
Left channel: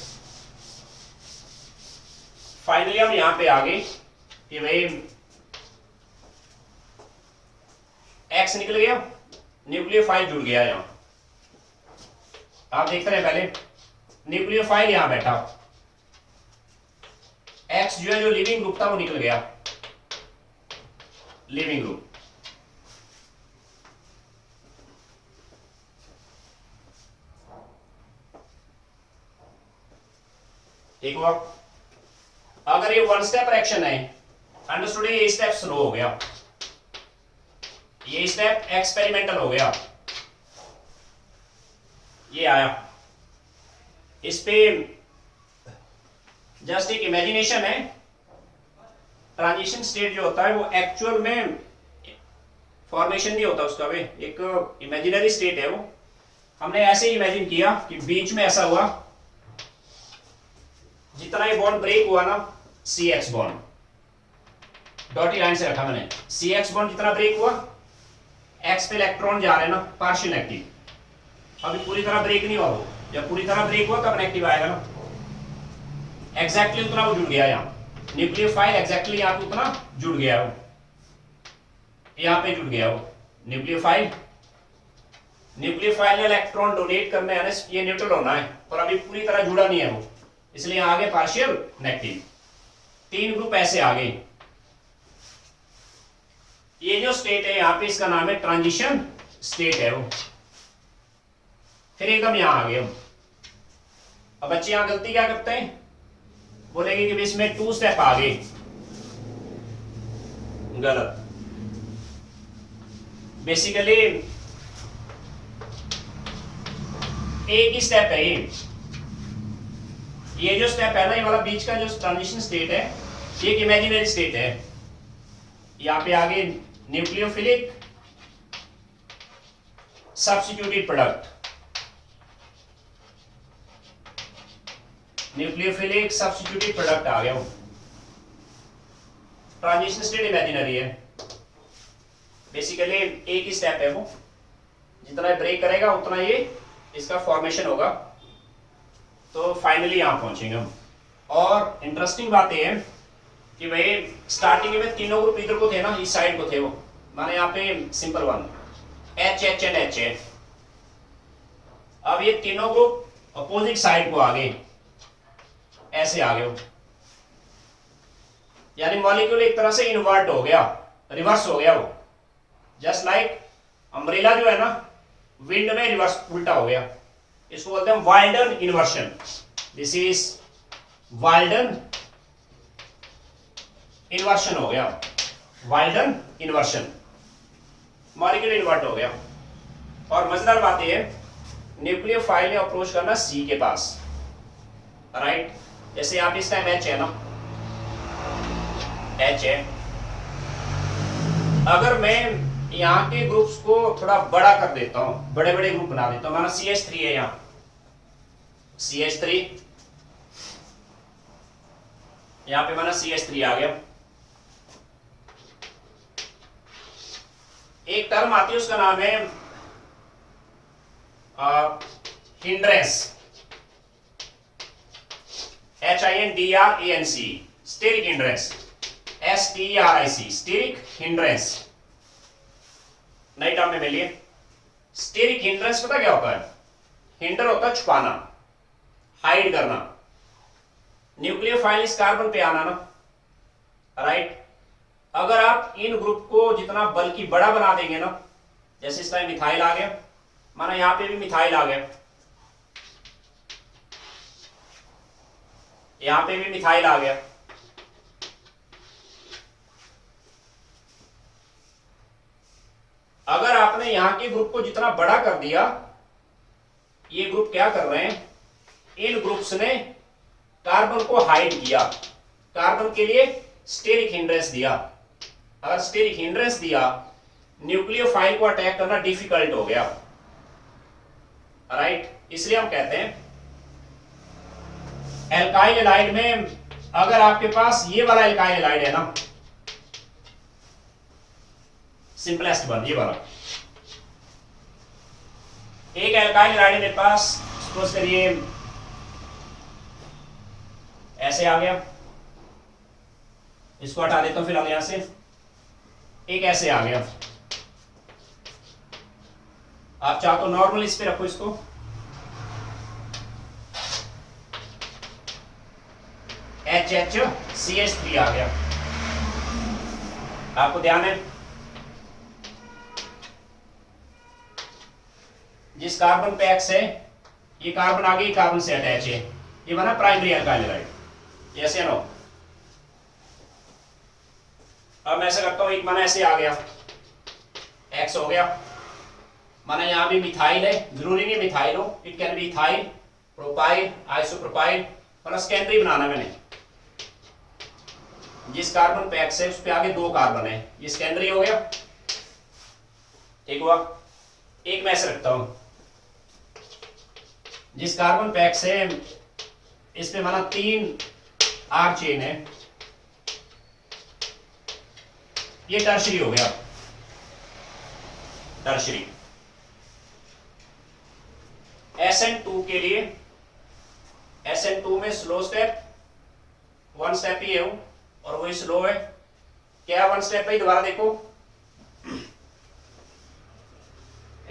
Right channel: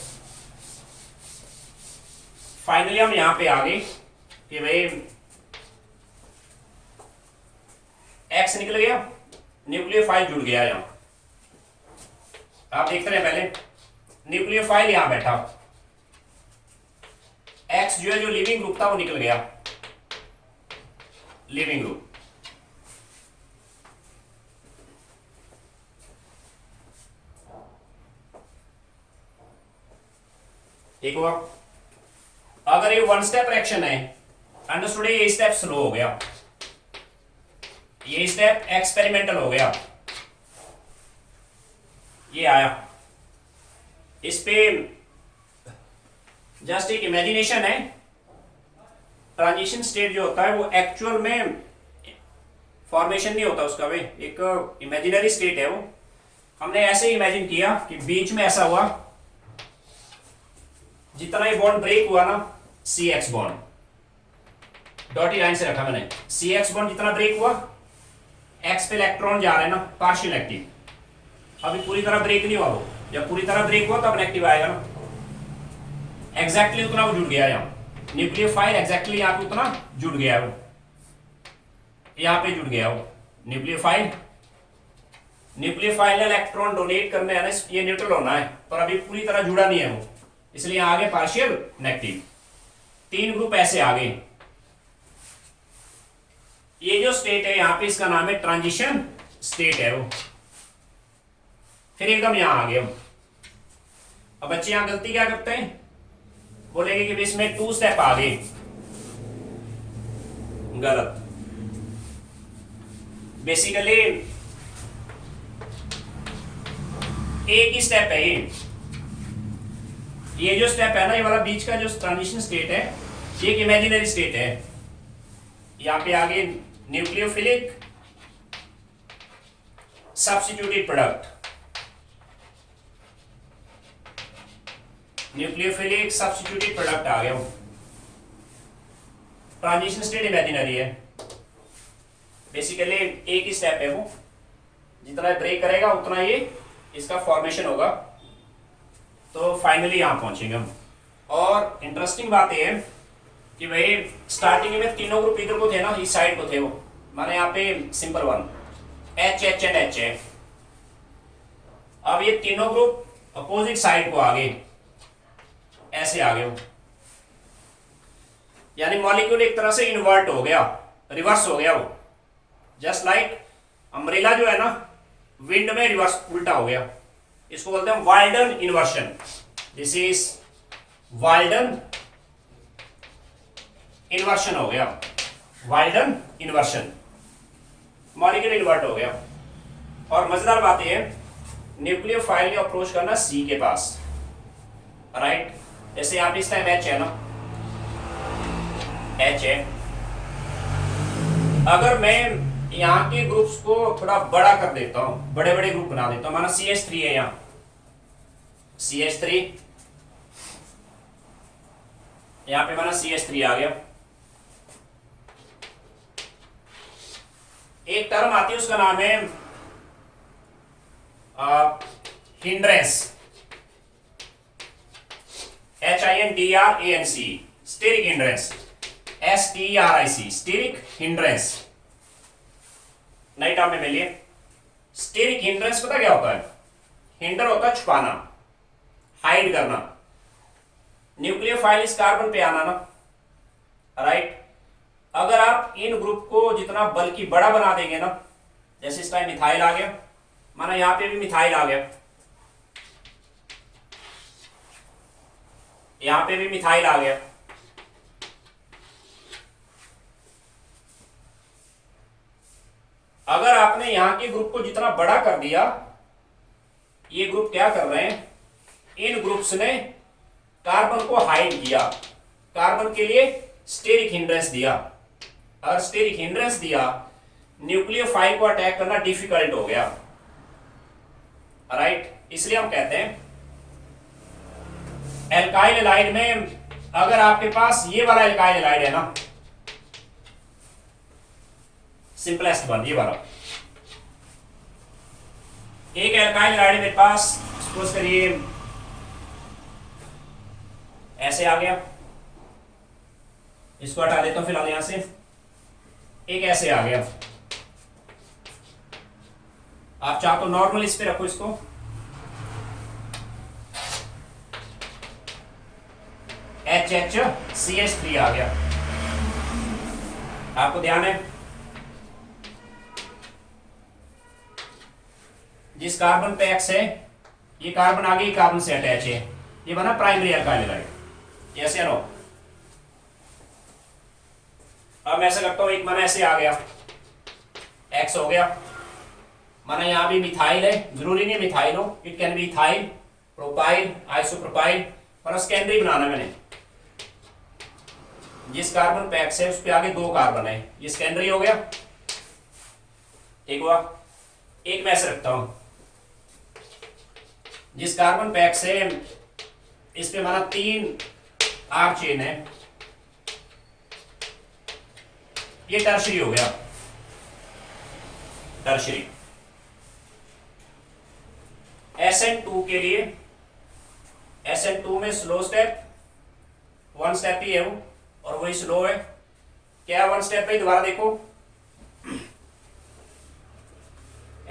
फाइनली हम यहां पे आ गए कि भाई X निकल गया, न्यूक्लियोफाइल जुड़ गया। यहां आप देखते रहे, पहले न्यूक्लियोफाइल यहां बैठा, X जो है जो लिविंग ग्रुप था वो निकल गया, लिविंग ग्रुप। एक हुआ। अगर ये वन स्टेप रिएक्शन है, अंडरस्टूड, ये स्टेप स्लो हो गया, ये स्टेप एक्सपेरिमेंटल हो गया, ये आया। इस पे जस्ट एक इमेजिनेशन है। ट्रांजिशन स्टेट जो होता है वो एक्चुअल में फॉर्मेशन नहीं होता उसका, वे एक इमेजिनरी स्टेट है वो। हमने ऐसे इमेजिन किया कि बीच में ऐसा हुआ, जितना ये बॉन्ड ब्रेक हुआ ना, CX बॉन्ड डॉटी लाइन से रखा मैंने, CX बॉन्ड जितना ब्रेक हुआ, X पे इलेक्ट्रॉन जा रहे हैं ना, पार्शियल एक्टिव। अभी पूरी तरह ब्रेक नहीं हुआ वो, जब पूरी तरह ब्रेक हुआ तब नेगेटिव आएगा ना। एग्जैक्टली उतना वो जुड़ गया, यहाँ न्यूक्लियोफाइल एग्जैक्टली यहाँ पे उतना जुड़ गया वो, यहाँ पे जुड़ गया वो न्यूक्लियोफाइल। न्यूक्लियोफाइल ने इलेक्ट्रॉन डोनेट करने आने, ये न्यूट्रल होना है, पर अभी पूरी तरह जुड़ा नहीं है वो, इसलिए यहाँ आगे पार्शियल नेगेटिव। 3 ग्रुप ऐसे आ गए। ये जो स्टेट है यहाँ पे, इसका नाम है ट्रांजिशन स्टेट है वो। फिर एकदम यहां आ गए हम। अब बच्चे यहां गलती क्या करते हैं, बोलेंगे कि इसमें 2 स्टेप आ गए, गलत। बेसिकली एक ही स्टेप है ये जो स्टेप है ना, ये वाला बीच का जो ट्रांजिशन स्टेट है, ये एक इमेजिनरी स्टेट है। यहाँ पे आगे nucleophilic substituted product, nucleophilic substituted product आ गया। ट्रांजिशन स्टेट इमेजिनरी है, बेसिकली एक ही स्टेप है वो, जितना ब्रेक करेगा उतना ये इसका फॉर्मेशन होगा। तो फाइनली यहां पहुंचेंगे हम। और इंटरेस्टिंग बात यह है कि भाई स्टार्टिंग में तीनों ग्रुप इधर को थे ना, इस साइड को थे वो, माने यहाँ पे simple one H H and H है। अब ये तीनों ग्रुप अपोजिट साइड को आ गए, ऐसे आ गए वो, यानी मॉलिक्यूल एक तरह से इन्वर्ट हो गया, रिवर्स हो गया वो। जस्ट लाइक अम्ब्रेला जो है ना, विंड में रिवर्स उल्टा हो गया, इसको बोलते हैं Walden inversion. This is Walden inversion हो गया, वाल्डन इन्वर्शन, मॉलिक्यूल इन्वर्ट हो गया। और मजेदार बात यह है, न्यूक्लियोफाइल ने अप्रोच करना सी के पास, राइट। जैसे यहां पे इस टाइम एच है ना, एच है। अगर मैं यहाँ के ग्रुप्स को थोड़ा बड़ा कर देता हूं, बड़े बड़े ग्रुप बना देता हूं, माना CH3 है यहाँ, CH3 यहाँ पे माना CH3 आ गया। एक टर्म आती है, उसका नाम है hindrance, HINDRANC, steric hindrance, STERIC, steric hindrance. नई टर्म में मिलिए। स्टेरिक हिंड्रेंस पता क्या होता है? हिंडर होता है छुपाना, हाइड करना। न्यूक्लियोफाइल इस कार्बन पे आना ना, राइट। अगर आप इन ग्रुप को जितना बल्कि बड़ा बना देंगे ना, जैसे इस टाइम मिथाइल आ गया, माना यहां पे भी मिथाइल आ गया, यहां पे भी मिथाइल आ गया, अगर आपने यहां के ग्रुप को जितना बड़ा कर दिया, ये ग्रुप क्या कर रहे हैं, इन ग्रुप्स ने कार्बन को हाइड किया, कार्बन के लिए स्टेरिक हिंड्रेंस दिया। और स्टेरिक हिंड्रेंस दिया, न्यूक्लियोफाइल को अटैक करना डिफिकल्ट हो गया, राइट। इसलिए हम कहते हैं एल्काइल एलाइड में, अगर आपके पास ये वाला एल्काइल एलाइड है ना, सिंपलेस्ट वन, ये वाला एक एल्काइल एलाइड मेरे पास, सपोज करिए ऐसे आ गया, इसको हटा देता हूं फिलहाल यहां से, एक ऐसे आ गया। आप चाहो तो नॉर्मल इस पे रखो इसको, HHCH3 आ गया। आपको ध्यान है, जिस कार्बन पे X है, ये कार्बन आगे कार्बन से अटैच है, ये बना प्राइमरी एल्काइल एलाइड, यस या नो। अब मैं ऐसा करता हूं, एक माना ऐसे आ गया, X हो गया, माना यहां भी मिथाइल है, जरूरी नहीं मिथाइल हो, it can be ethyl, propyl, isopropyl, पर सेकेंडरी बनाना मैंने। जिस कार्बन पे X है उस पे आगे दो कार्बन है, ये सेकेंडरी हो गया, ठीक हुआ। एक मैं ऐसे रखता हूं, जिस कार्बन पे X है इस पे माना 3 R चेन है, ये टर्शरी हो गया, टर्शरी। SN2 के लिए, SN2 में स्लो स्टेप, 1 स्टेप ही है वो, और वही स्लो है। क्या 1 स्टेप है? दोबारा देखो,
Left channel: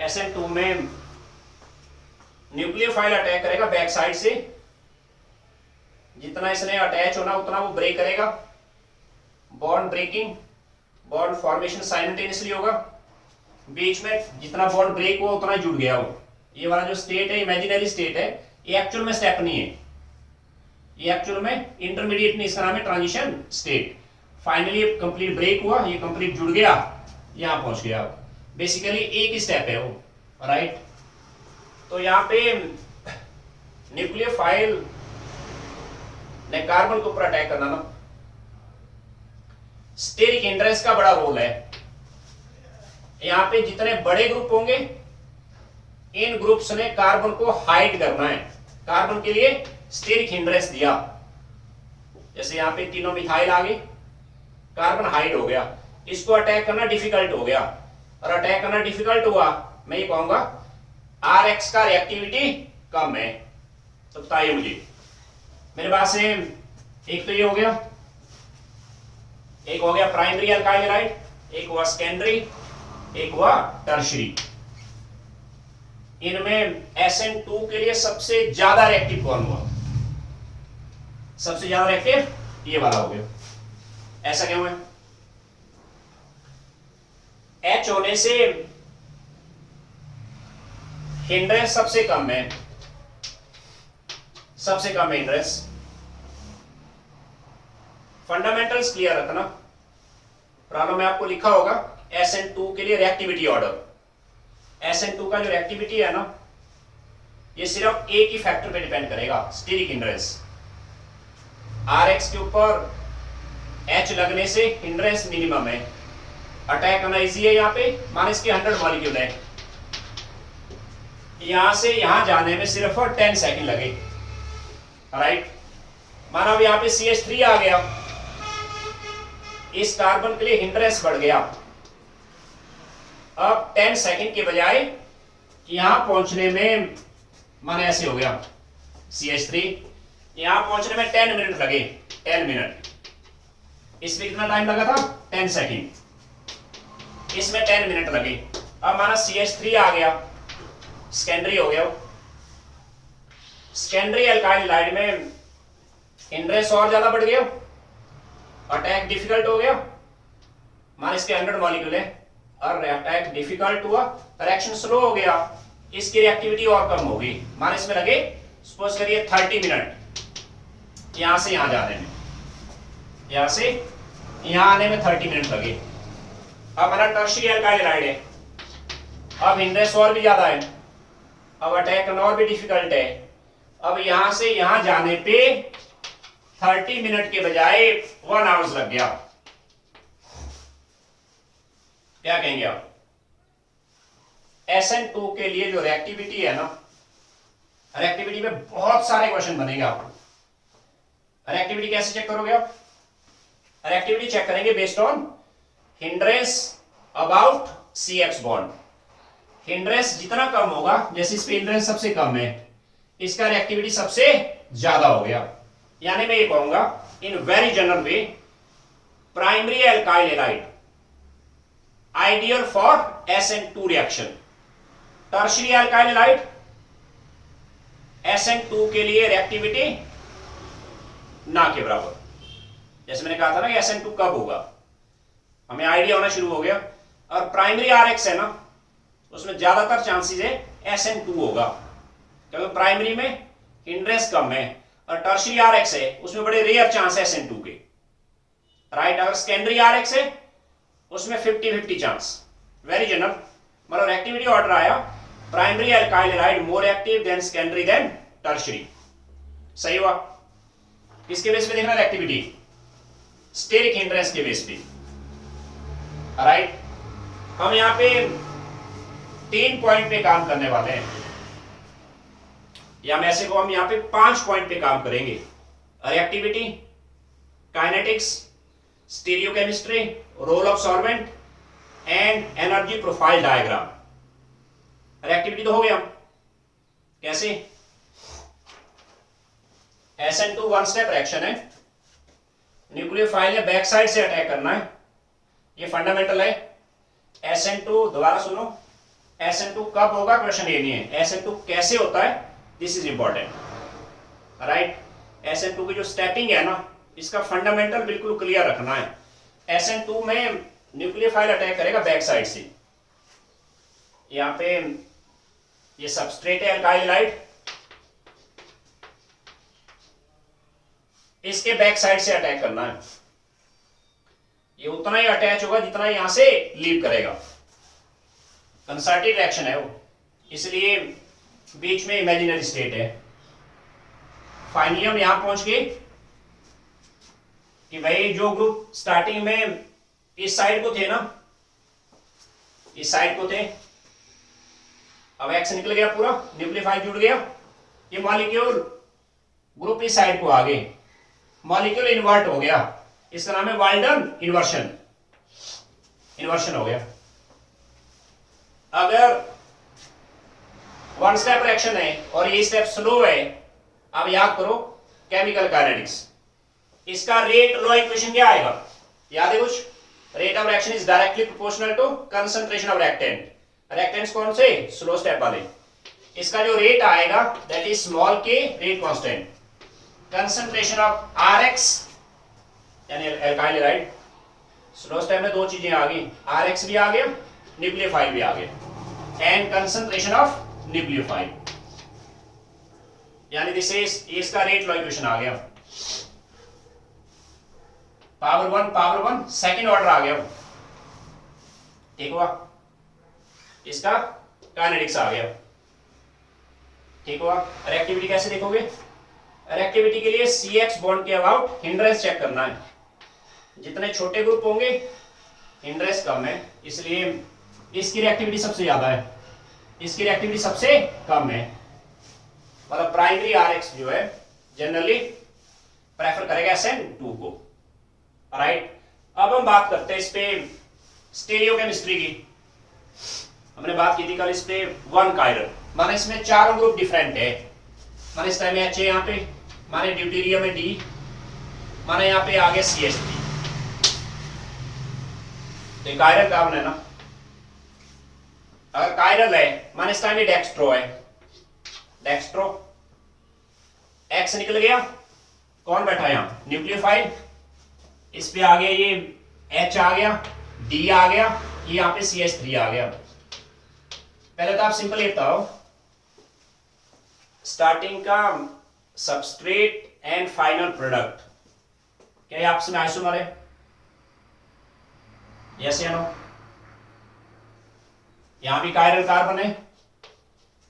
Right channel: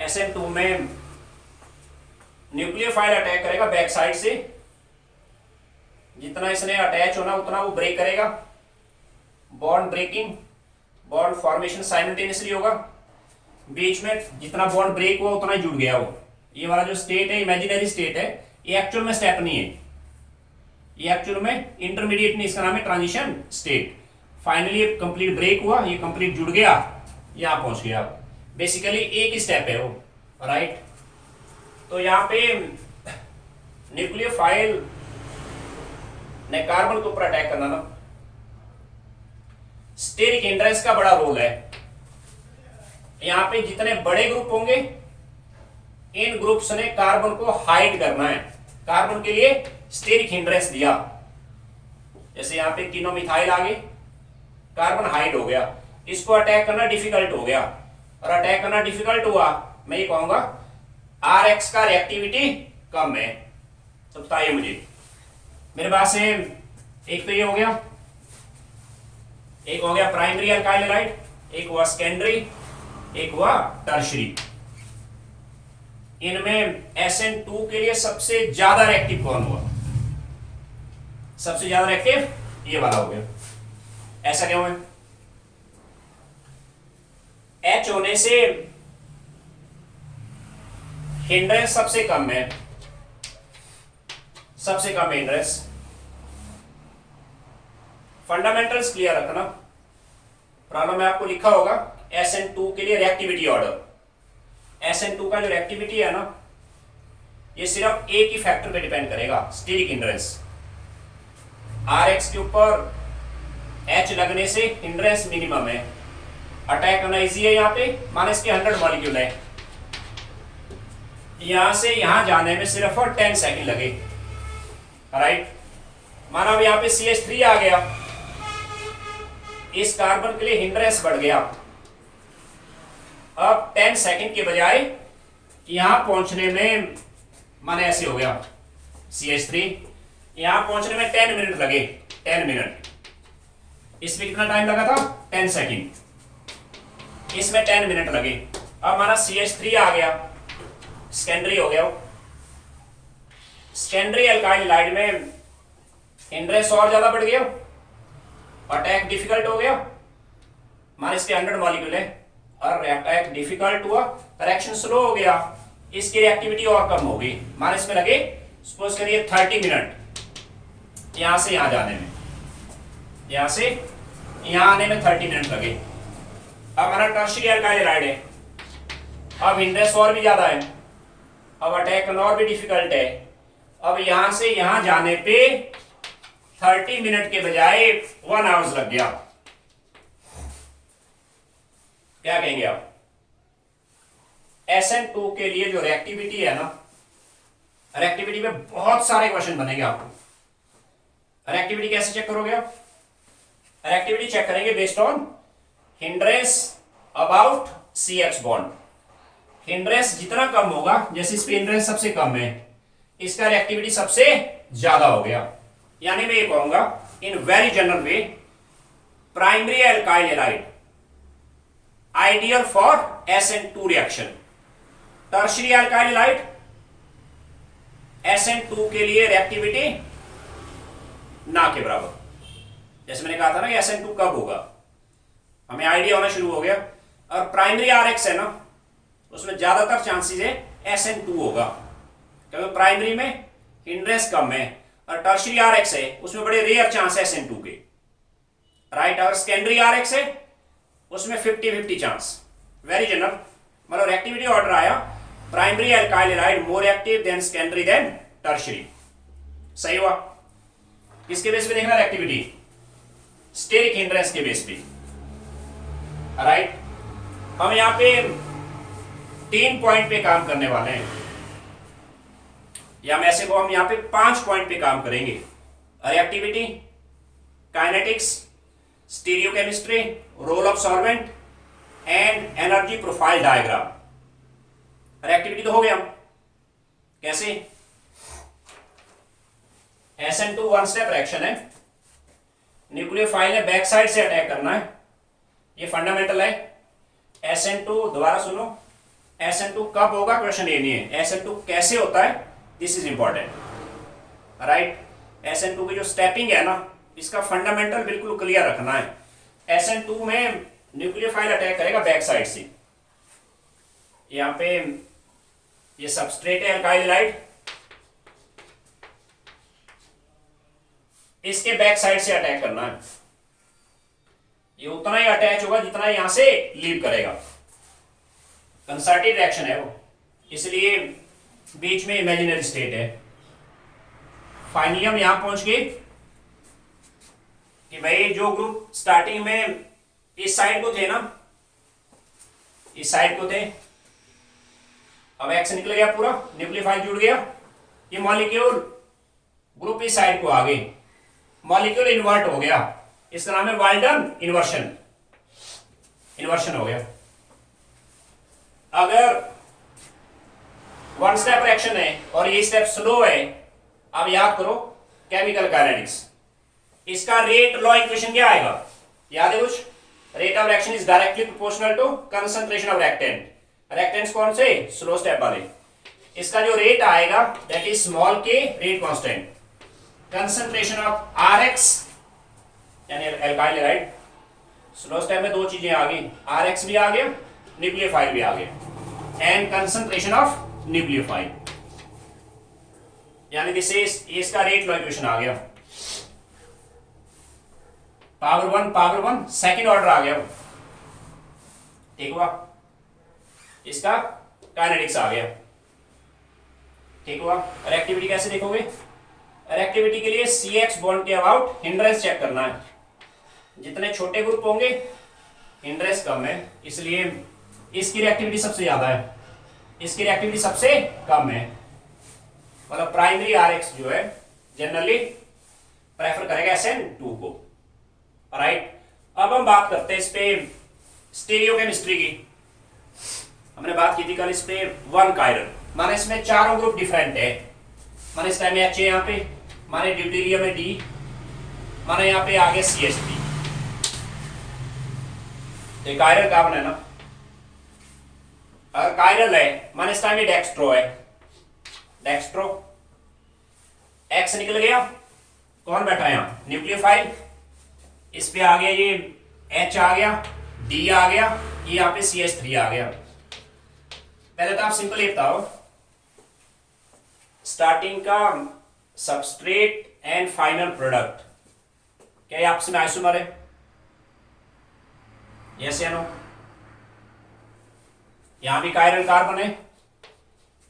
SN2 में न्यूक्लियोफाइल अटैक करेगा बैक साइड से, जितना इसने अटैच होना उतना वो ब्रेक करेगा, bond breaking, bond formation simultaneously होगा। बीच में जितना बॉन्ड ब्रेक हुआ उतना ही जुड़ गया वो। ये वाला जो स्टेट है इमेजिनरी स्टेट है, ये एक्चुअल में स्टेप नहीं है, ये एक्चुअल में इंटरमीडिएट नहीं, इसका नाम है transition state. Finally complete break हुआ, ये कंप्लीट जुड़ गया, यहां पहुंच गया। बेसिकली एक ही स्टेप है वो, राइट। तो यहाँ पे न्यूक्लियोफाइल ने कार्बन के ऊपर अटैक करना ना। स्टेरिक हिंड्रेंस का बड़ा रोल है। यहां पे जितने बड़े ग्रुप होंगे इन ग्रुप्स ने कार्बन को हाइड करना है। कार्बन के लिए स्टेरिक हिंड्रेंस दिया, जैसे यहां पे तीनों मिथाइल आ गए, कार्बन हाइड हो गया, इसको अटैक करना डिफिकल्ट हो गया। और अटैक करना डिफिकल्ट हुआ, मैं ये कहूंगा Rx का रिएक्टिविटी कम है। तो बताइए मुझे, मेरे पास से एक तो ये हो गया, एक हो गया प्राइमरी अल्काइल हैलाइड, एक हुआ सेकेंडरी, एक हुआ टर्शरी। इनमें SN2 के लिए सबसे ज्यादा रिएक्टिव कौन हुआ? सबसे ज्यादा रिएक्टिव ये वाला हो गया। ऐसा क्यों है? H होने से हिंड्रेंस सबसे कम है, सबसे कम हिंड्रेंस। फंडामेंटल्स क्लियर रखना। प्रॉब्लम में आपको लिखा होगा SN2 के लिए रिएक्टिविटी ऑर्डर। SN2 का जो रिएक्टिविटी है ना, ये सिर्फ एक ही फैक्टर पे डिपेंड करेगा, स्टीरिक हिंड्रेंस। Rx के ऊपर H लगने से हिंड्रेंस मिनिमम है, अटैक करना इजी है। यहाँ पे माने इसके 100 मॉलिक्यूल है, यहां से यहां जाने में सिर्फ 10 सेकंड लगे, राइट। माना अब यहाँ पे CH3 आ गया, इस कार्बन के लिए हिंड्रेंस बढ़ गया। अब 10 सेकंड के बजाय यहां पहुंचने में माने ऐसे हो गया CH3, यहां पहुंचने में 10 मिनट लगे, 10 मिनट। इसमें कितना टाइम लगा था? 10 सेकंड। इसमें 10 मिनट लगे। अब हमारा CH3 आ गया, सेकेंडरी हो गया। सेकेंडरी अल्काइल हैलाइड में हिंड्रेंस और ज्यादा बढ़ गया, अटैक डिफिकल्ट हो गया। मान इसके 100 मॉलिक्यूल है और अटैक डिफिकल्ट हुआ, रिएक्शन स्लो हो गया, इसकी रिएक्टिविटी और कम होगी। मान इसमें लगे सपोज करिए 30 मिनट यहां से यहां जाने में, यहां से यहां आने में 30 मिनट लगे। अब हमारा टर्शियरी अल्काइल हैलाइड है, अब हिंड्रेंस और भी ज्यादा है, अब अटैक करना और भी डिफिकल्ट है। अब यहां से यहां जाने पे 30 मिनट के बजाय 1 आवर्स लग गया। क्या कहेंगे आप? SN2 के लिए जो रिएक्टिविटी है ना, रिएक्टिविटी में बहुत सारे क्वेश्चन बनेंगे आपको। रिएक्टिविटी कैसे चेक करोगे आप? रिएक्टिविटी चेक करेंगे based on hindrance about CH bond. Hindrance जितना कम होगा, जैसे इस पे हिंड्रेंस सबसे कम है, इसका रिएक्टिविटी सबसे ज्यादा हो गया। यानी मैं ये कहूंगा in very general way, primary alkyl halide ideal for SN2 reaction, tertiary alkyl halide SN2 के लिए रिएक्टिविटी ना के बराबर। जैसे मैंने कहा था ना कि SN2 कब होगा, हमें आइडिया होना शुरू हो गया। और प्राइमरी RX है ना, उसमें ज्यादातर चांसेस है SN2 होगा, क्योंकि प्राइमरी में हिंड्रेंस कम है, और टर्शियरी RX है उसमें बड़े रेयर चांस है SN2 के, राइट। और सेकेंडरी RX है उसमें 50-50 चांस, वेरी जनरल। मतलब एक्टिविटी ऑर्डर आया, primary alkyl halide more active than secondary than tertiary. सही हुआ? किसके बेस पे देखना है एक्टिविटी? स्टेरिक हिंड्रेंस के बेस पे, राइट। हम यहां पे 3 पॉइंट पे काम करने वाले हैं, या मैं ऐसे को हम यहां पे 5 पॉइंट पे काम करेंगे। Reactivity, kinetics, stereochemistry, role of solvent and energy profile diagram. Reactivity तो हो गया, कैसे? SN2 वन स्टेप रिएक्शन है, न्यूक्लियोफाइल है, बैक साइड से अटैक करना है, ये फंडामेंटल है। SN2 दोबारा सुनो, SN2 कब होगा क्वेश्चन ये नहीं है, SN2 कैसे होता है, this is important, right. SN2 की जो स्टेपिंग है ना, इसका फंडामेंटल बिल्कुल क्लियर रखना है। SN2 में न्यूक्लियोफाइल अटैक करेगा बैक साइड से, यहां पे ये सबस्ट्रेट है अल्काइल हैलाइड, इसके बैक साइड से अटैक करना है। ये उतना ही अटैच होगा जितना यहां से लीव करेगा, कंसर्टेड रिएक्शन है वो, इसलिए बीच में इमेजिनरी स्टेट है। फाइनली हम यहां पहुंच गए कि भाई जो ग्रुप स्टार्टिंग में इस साइड को थे ना, इस साइड को थे, अब एक्स निकल गया पूरा, न्यूक्लियोफाइल जुड़ गया, ये मॉलिक्यूल ग्रुप इस साइड को आ गए, मॉलिक्यूल इन्वर्ट हो गया, इसका नाम है वाल्डन इन्वर्शन, इन्वर्शन हो गया। अगर वन स्टेप रिएक्शन है और ये स्टेप स्लो है, अब याद करो केमिकल काइनेटिक्स, इसका रेट लॉ इक्वेशन क्या आएगा, याद है कुछ? Rate of reaction is directly proportional to concentration of reactant, reactants कौन से? स्लो स्टेप वाले। इसका जो रेट आएगा that is small k rate constant, concentration of RX यानी एल्काइल, राइट? स्लो स्टेप में दो चीजें आ गई, आरएक्स भी आ गया, न्यूक्लियोफाइल भी आ गया, एंड कंसंट्रेशन ऑफ न्यूक्लियोफाइल, यानी दिस इज, इसका रेट लॉ इक्वेशन आ गया, पावर वन सेकंड ऑर्डर आ गया, ठीक हुआ? इसका काइनेटिक्स आ गया, ठीक हुआ? रिएक्टिविटी कैसे देखोगे? रिएक्टिविटी के लिए CH बॉन्ड के अबाउट हिंड्रेंस चेक करना है, जितने छोटे ग्रुप होंगे हिंड्रेंस कम है, इसलिए इसकी रिएक्टिविटी सबसे ज्यादा है, इसकी रिएक्टिविटी सबसे कम है, मतलब प्राइमरी RX जो है जनरली प्रेफर करेगा SN2 को, राइट? अब हम बात करते हैं इस पे स्टीरियोकेमिस्ट्री की। हमने बात की थी कल इस पे वन कायरल, माने इसमें चारों ग्रुप डिफरेंट है, माने इस टाइम में H है, यहाँ पे माने ड्यूटेरियम में D, माने यहाँ पे आगे CH3, तो कायरल कार्बन है ना, अगर कायरल है माने इस टाइम में डेक्स्ट्रो है, डेक्स्ट्रो, X निकल गया, कौन बैठा है यहाँ? न्यूक्लियोफाइल, इस पे आ गया ये H आ गया, D आ गया, ये यहाँ पे CH3 आ गया। पहले तो आप सिंपल ये बताओ, स्टार्टिंग का सबस्ट्रेट एंड फाइनल प्रोडक्ट क्या ये आपस में आइसोमर है? यस या नो? यहां भी कायरल कार्बन है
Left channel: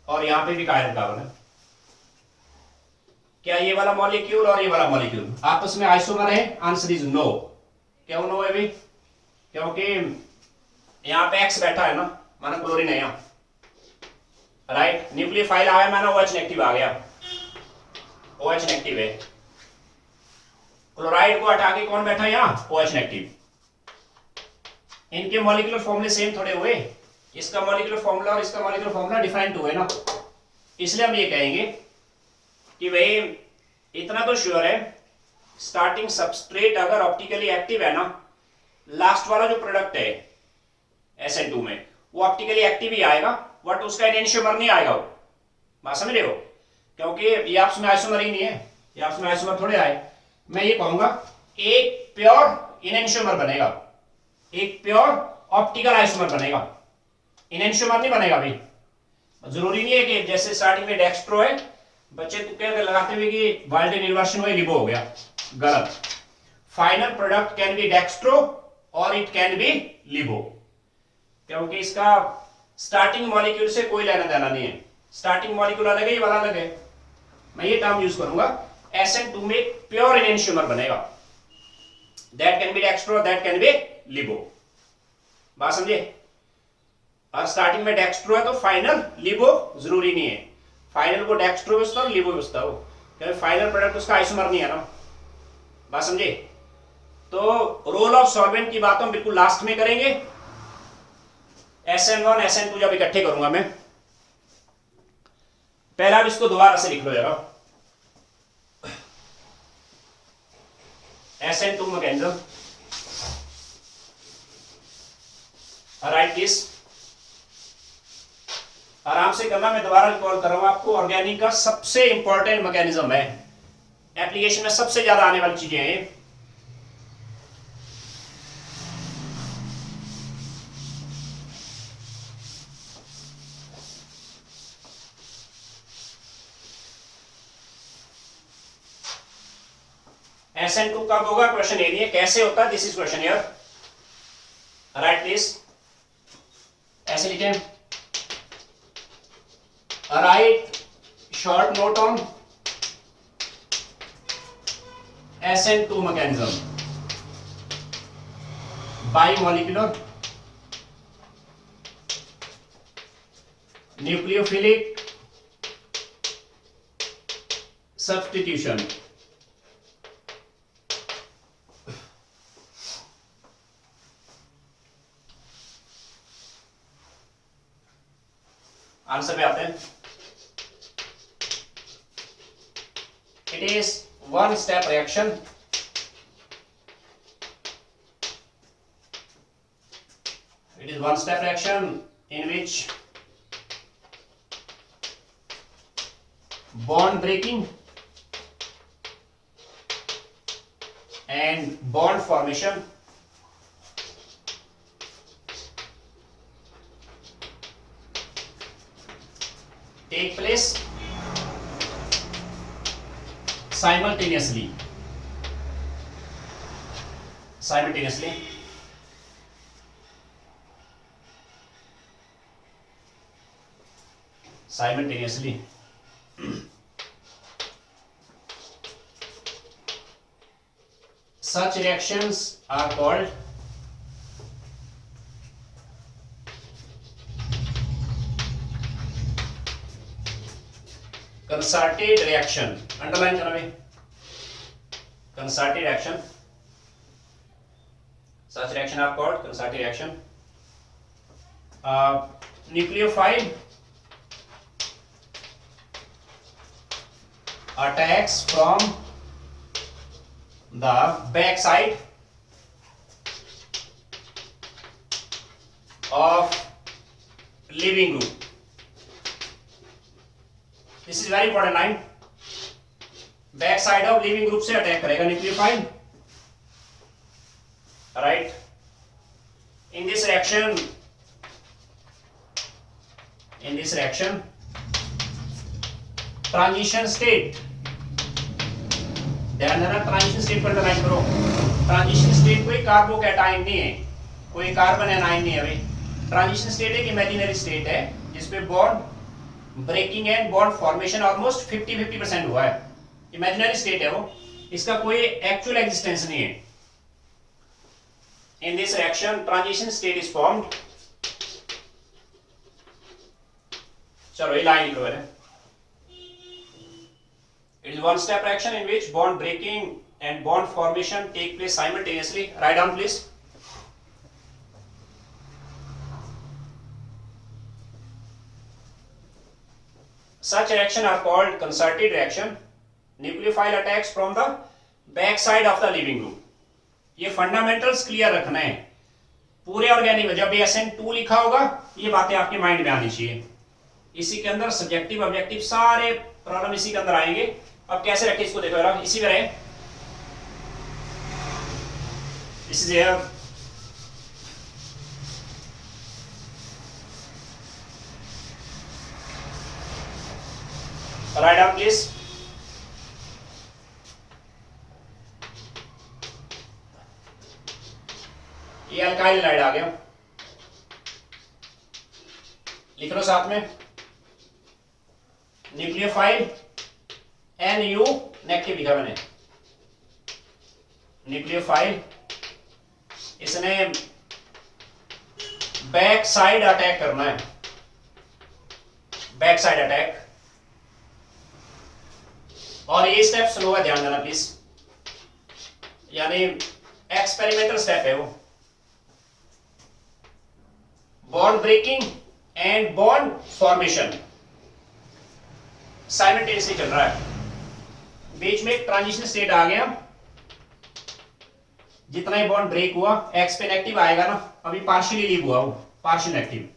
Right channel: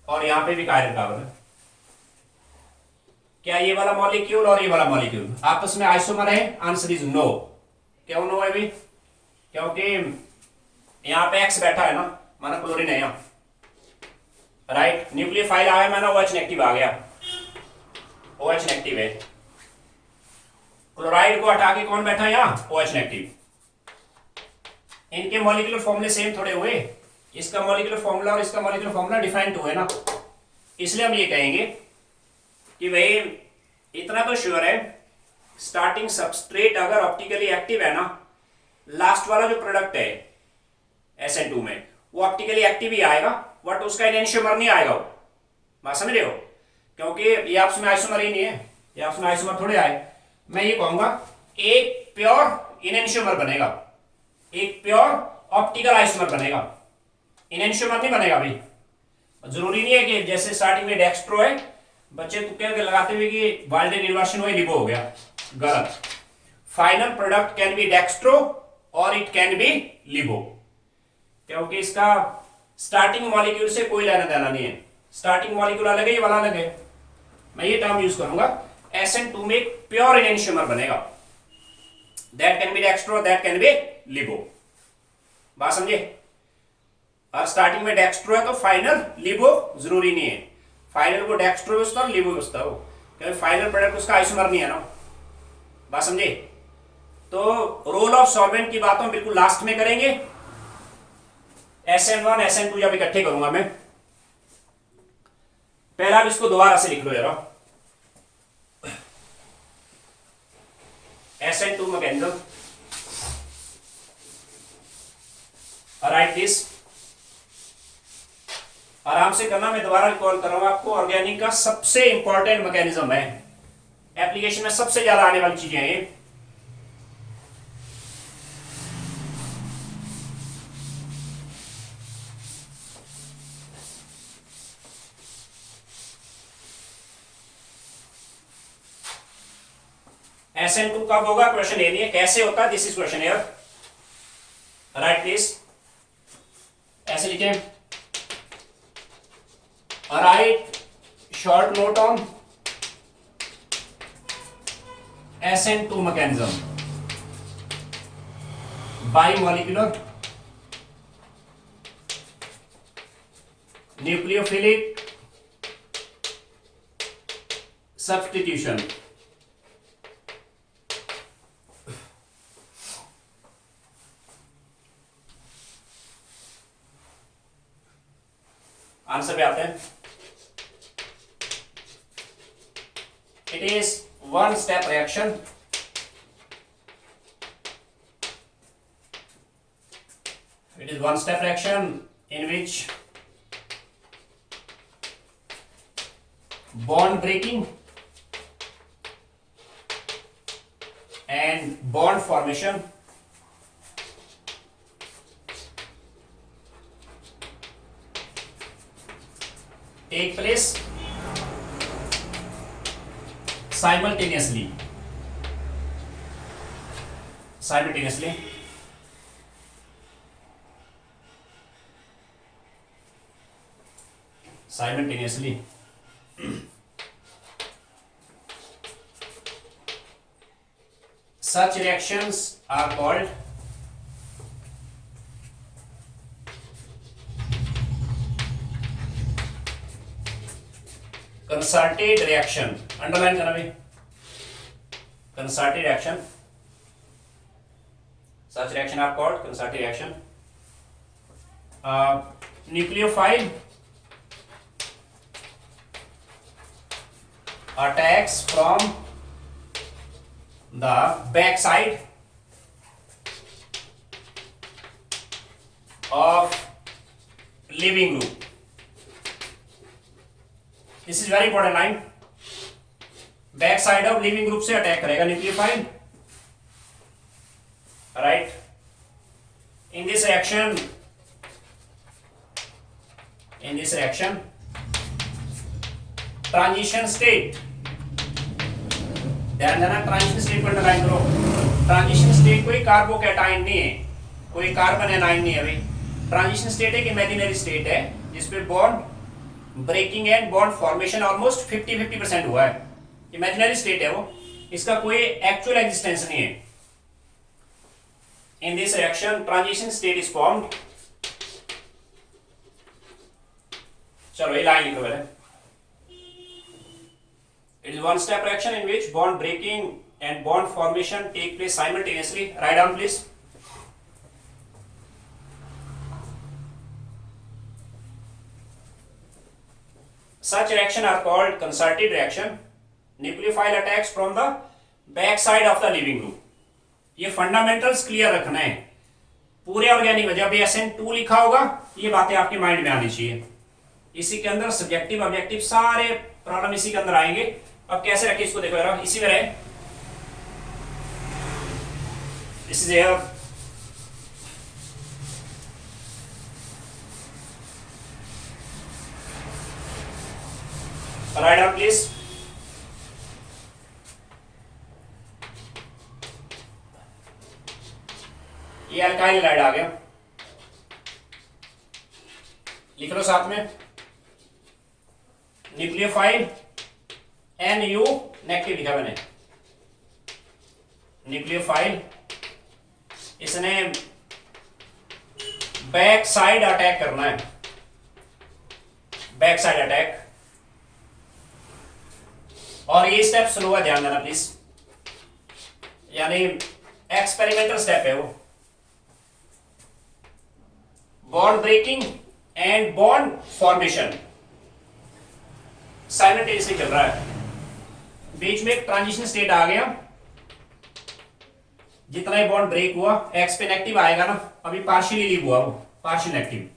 और यहां पे भी कायरल कार्बन है, क्या ये वाला मॉलिक्यूल और ये वाला मॉलिक्यूल आपस में आइसोमर है? Answer is no. क्यों नो है भी? क्योंकि यहां पे X बैठा है ना, माना क्लोरीन है यहाँ, राइट? न्यूक्लियोफाइल आ गया, माना OH नेगेटिव आ गया, OH नेगेटिव है, क्लोराइड को हटा के कौन बैठा है यहाँ? OH negative. इनके मॉलिक्यूलर फॉर्मूले सेम थोड़े हुए, इसका मॉलिक्यूलर फॉर्मूला और इसका मॉलिक्यूलर फॉर्मूला डिफरेंट हुए ना, इसलिए हम ये कहेंगे कि भाई इतना तो श्योर है, स्टार्टिंग सबस्ट्रेट अगर ऑप्टिकली एक्टिव है ना, लास्ट वाला जो प्रोडक्ट है SN2 में वो ऑप्टिकली एक्टिव ही आएगा, बट उसका एनेंशियोमर नहीं आएगा, वो बात समझ रहे हो? क्योंकि ये आपस में आइसोमर ही नहीं है, ये आपस में आइसोमर थोड़े आए। मैं ये कहूंगा एक प्योर इनेंशियोमर बनेगा, एक प्योर ऑप्टिकल आइसोमर बनेगा, इनेंशियोमर नहीं बनेगा भाई। जरूरी नहीं है कि जैसे स्टार्टिंग में डेक्स्ट्रो है, बच्चे तुक्के लगाते हुए कि वाल्डन इन्वर्शन हुआ, लिबो हो गया, गलत। Final product can be dextro और इट कैन बी लिबो, क्योंकि इसका स्टार्टिंग मॉलिक्यूल से कोई लेना देना नहीं है, स्टार्टिंग मॉलिक्यूल अलग है, ये वाला अलग है। मैं ये टर्म यूज करूंगा, SN2 में एक प्योर इनेंशियोमर बनेगा, that can be dextro, that can be लिबो, बात समझे? और स्टार्टिंग में डेक्स्ट्रो है तो फाइनल लिबो जरूरी नहीं है, फाइनल को डेक्स्ट्रो बसता हो, लिबो बसता हो, क्योंकि फाइनल प्रोडक्ट उसका आइसोमर नहीं है ना, बात समझे? तो रोल ऑफ सॉल्वेंट की बात हम बिल्कुल लास्ट में करेंगे, SN1 SN2 जब इकट्ठे करूंगा मैं। पहला अब इसको दोबारा से लिख लो जरा, SN2 मैकेनिज्म, राइट दिस, आराम से करना, मैं दोबारा रिकॉल कर रहा हूं आपको, ऑर्गेनिक का सबसे इंपॉर्टेंट मैकेनिज्म है, एप्लीकेशन में सबसे ज्यादा आने वाली चीजें हैं ये। SN2 कब होगा? क्वेश्चन ये नहीं है कैसे होता है, this is question here, write this, ऐसे लिखें, write short note on SN2 mechanism, bimolecular, nucleophilic substitution. Answer पे आते हैं। It is one step reaction in which bond breaking and bond formation take place simultaneously. Such reactions are called concerted reaction. Underline करना भाई, concerted reaction. Such reaction are called concerted reaction. Nucleophile attacks from the back side of leaving group. This is very important line. Back side of leaving group से attack करेगा nucleophile, right? In this reaction, transition state, ध्यान देना, transition state को underline करो। Transition state कोई carbocation नहीं है, कोई कार्बन एनाइन नहीं है भाई। ट्रांजिशन स्टेट एक इमेजिनरी स्टेट है जिसपे bond breaking and bond formation almost 50-50% हुआ है। इमेजिनरी स्टेट है वो, इसका कोई एक्चुअल एग्जिस्टेंस नहीं है। In this reaction transition state is formed. चलो ये लाइन लिखो पहले। It is one step reaction in which bond breaking and bond formation take place simultaneously. Write down please. Such reaction are called concerted reaction. Nucleophile attacks from the back side of the leaving group. ये fundamentals clear रखना है पूरे organic में। जब SN2 लिखा होगा ये बातें आपके माइंड में आनी चाहिए। इसी के अंदर सब्जेक्टिव ऑब्जेक्टिव सारे प्रॉब्लम इसी के अंदर आएंगे। अब कैसे रखें इसको, देखो यार इसी में रहे। This is here, write down please. ये अल्काइल हाइड्राइड आ गया, लिख लो साथ में। न्यूक्लियोफाइल NU नेगेटिव लिखा मैंने। न्यूक्लियोफाइल, इसने बैक साइड अटैक करना है, बैक साइड अटैक। और ये स्टेप स्लो है, ध्यान देना प्लीज, यानी एक्सपेरिमेंटल स्टेप है वो। Bond breaking and bond formation simultaneously चल रहा है। बीच में एक ट्रांजिशन स्टेट आ गया, जितना ही बॉन्ड ब्रेक हुआ एक्स पे नेगेटिव आएगा ना, अभी पार्शियली लीव हुआ वो, पार्शियल नेगेटिव।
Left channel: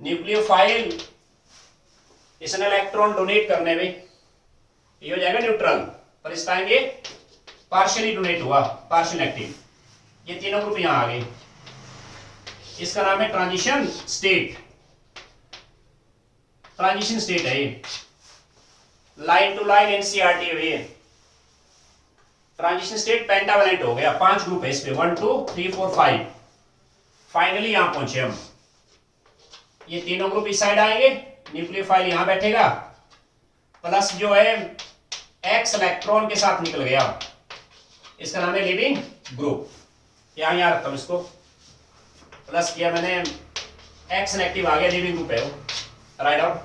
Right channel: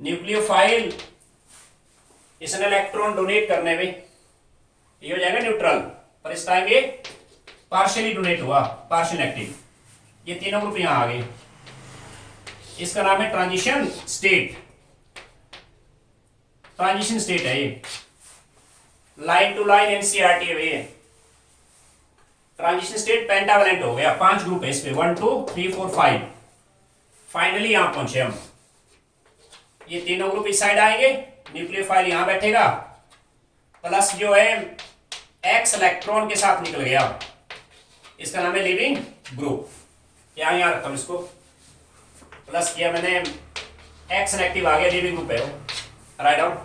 न्यूक्लियोफाइल इसने इलेक्ट्रॉन डोनेट करने में ये हो जाएगा न्यूट्रल, पर इस टाइम ये पार्शियली डोनेट हुआ, पार्शियल नेगेटिव। ये तीनों ग्रुप यहां आ गए, इसका नाम है ट्रांजिशन स्टेट। ट्रांजिशन स्टेट है ये, लाइन टू लाइन एनसीईआरटी है ये। ट्रांजिशन स्टेट पेंटावेलेंट हो गया, 5 ग्रुप है इस पे, 1 2 3 4 5। फाइनली यहां पहुंचे हम। ये तीनों ग्रुप इस साइड आएंगे, न्यूक्लियोफाइल यहां बैठेगा, प्लस जो है एक्स इलेक्ट्रॉन के साथ निकल गया, इसका नाम है लीविंग ग्रुप। यहाँ रखता हूँ इसको, प्लस किया मैंने, एक्स नेगेटिव आ गया, लीविंग ग्रुप है वो, राइट डाउन।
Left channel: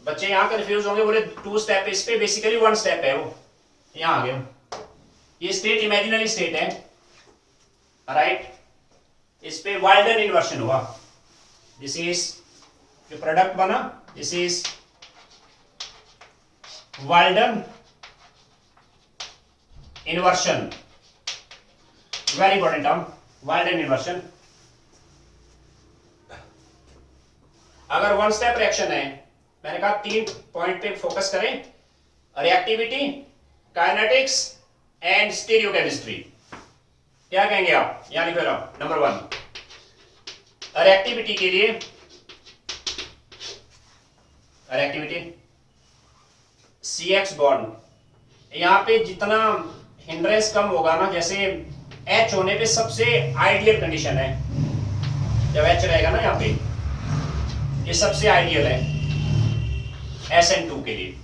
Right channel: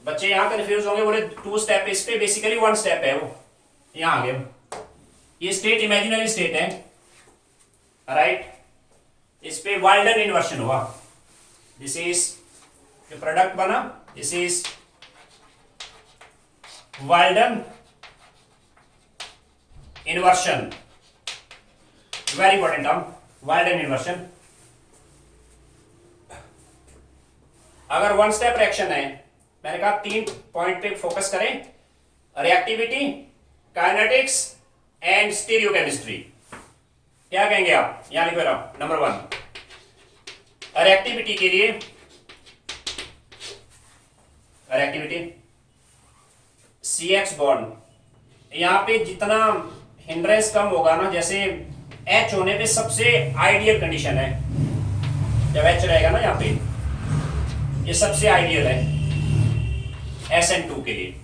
बच्चे यहाँ कंफ्यूज होंगे, बोले 2 स्टेप, इस पे बेसिकली 1 स्टेप है वो, यहाँ आ गया। ये स्टेट इमेजिनरी स्टेट है, राइट। इस पे वाल्डन इन्वर्शन हुआ, दिस इज जो प्रोडक्ट बना, this is Walden inversion, very important term, Walden inversion. अगर 1 स्टेप रिएक्शन है, मैंने कहा 3 पॉइंट पे फोकस करें, रिएक्टिविटी, काइनेटिक्स एंड स्टीरियोकेमिस्ट्री। क्या कहेंगे आप, यहां लिखो रहा नंबर 1, रिएक्टिविटी के लिए, रिएक्टिविटी CX बॉन्ड, यहां पे जितना हिंड्रेंस कम होगा ना, जैसे H होने पे सबसे आइडियल कंडीशन है, जब H रहेगा ना यहाँ पे, ये सबसे आइडियल है SN2 के लिए।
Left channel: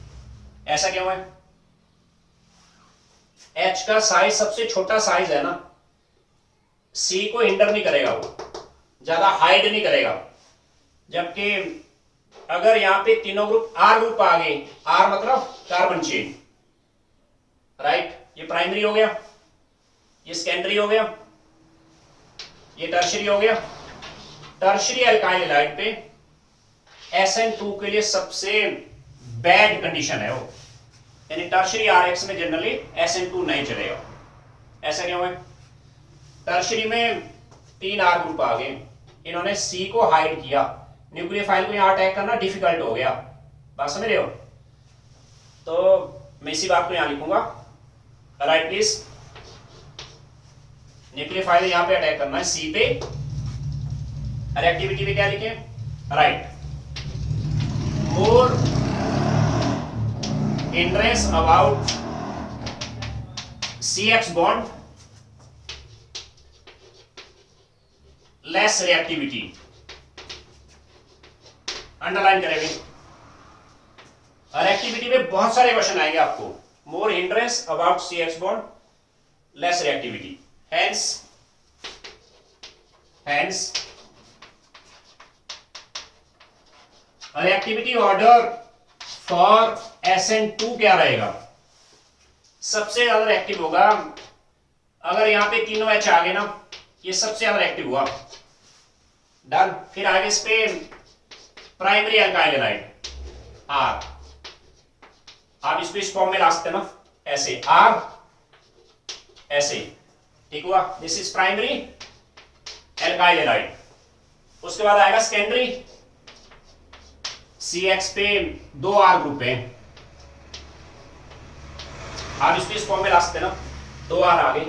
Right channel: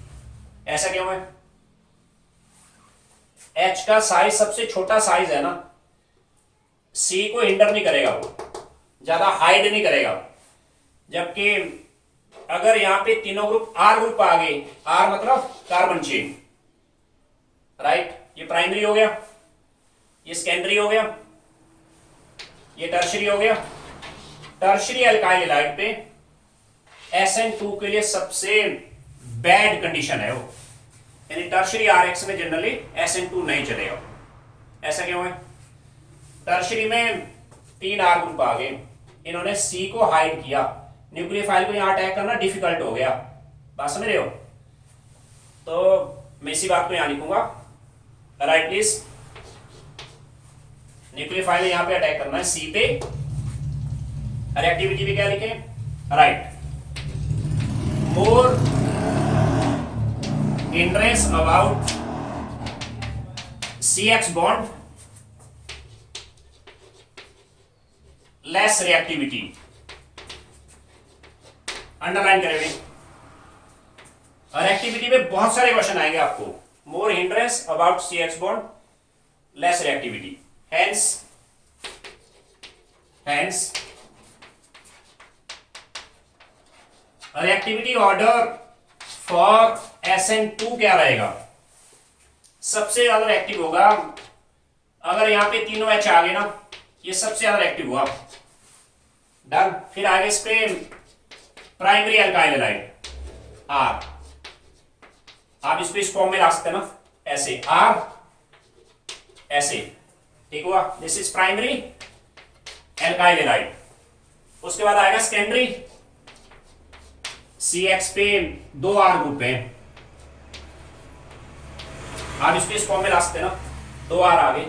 ऐसा क्यों है? H का साइज सबसे छोटा साइज है ना, C को हिंडर नहीं करेगा, वो ज्यादा हाइड नहीं करेगा। जबकि अगर यहां पे तीनों ग्रुप R ग्रुप आ गए, R मतलब कार्बन चेन, राइट, ये प्राइमरी हो गया, ये सेकेंडरी हो गया, ये टर्शरी हो गया। टर्शरी अल्काइल हैलाइड पे SN2 के लिए सबसे बैड कंडीशन है वो, यानी टर्शरी RX में जनरली SN2 नहीं चलेगा। ऐसा क्यों है? टर्शरी में 3 R ग्रुप आ गए, इन्होंने C को हाइड किया, न्यूक्लियोफाइल को यहां अटैक करना डिफिकल्ट हो गया। बात समझ रहे हो? तो मैं इसी बात को यहां लिखूंगा, राइट प्लीज। न्यूक्लियोफाइल यहां पे अटैक करना है C पे, रिएक्टिविटी पे क्या लिखे, right, more hindrance about CX bond, less reactivity, underline करेंगे। रिएक्टिविटी में बहुत सारे क्वेश्चन आएंगे आपको, more hindrance about CX bond, less reactivity, hence reactivity order for SN2 क्या रहेगा? सबसे ज्यादा रिएक्टिव होगा, अगर यहां पे तीनों H आ गए ना, ये सबसे ज्यादा रिएक्टिव हुआ, डन। फिर आगे इस पे प्राइमरी अल्काइल हैलाइड R, आप इसको इस फॉर्म में ला सकते हैं ना, ऐसे R ऐसे, ठीक हुआ, this is primary alkyl halide. उसके बाद आएगा सेकेंडरी, CX पे 2 R ग्रुप है, आप इसको इस फॉर्म में ला सकते हैं ना, 2 R आगे,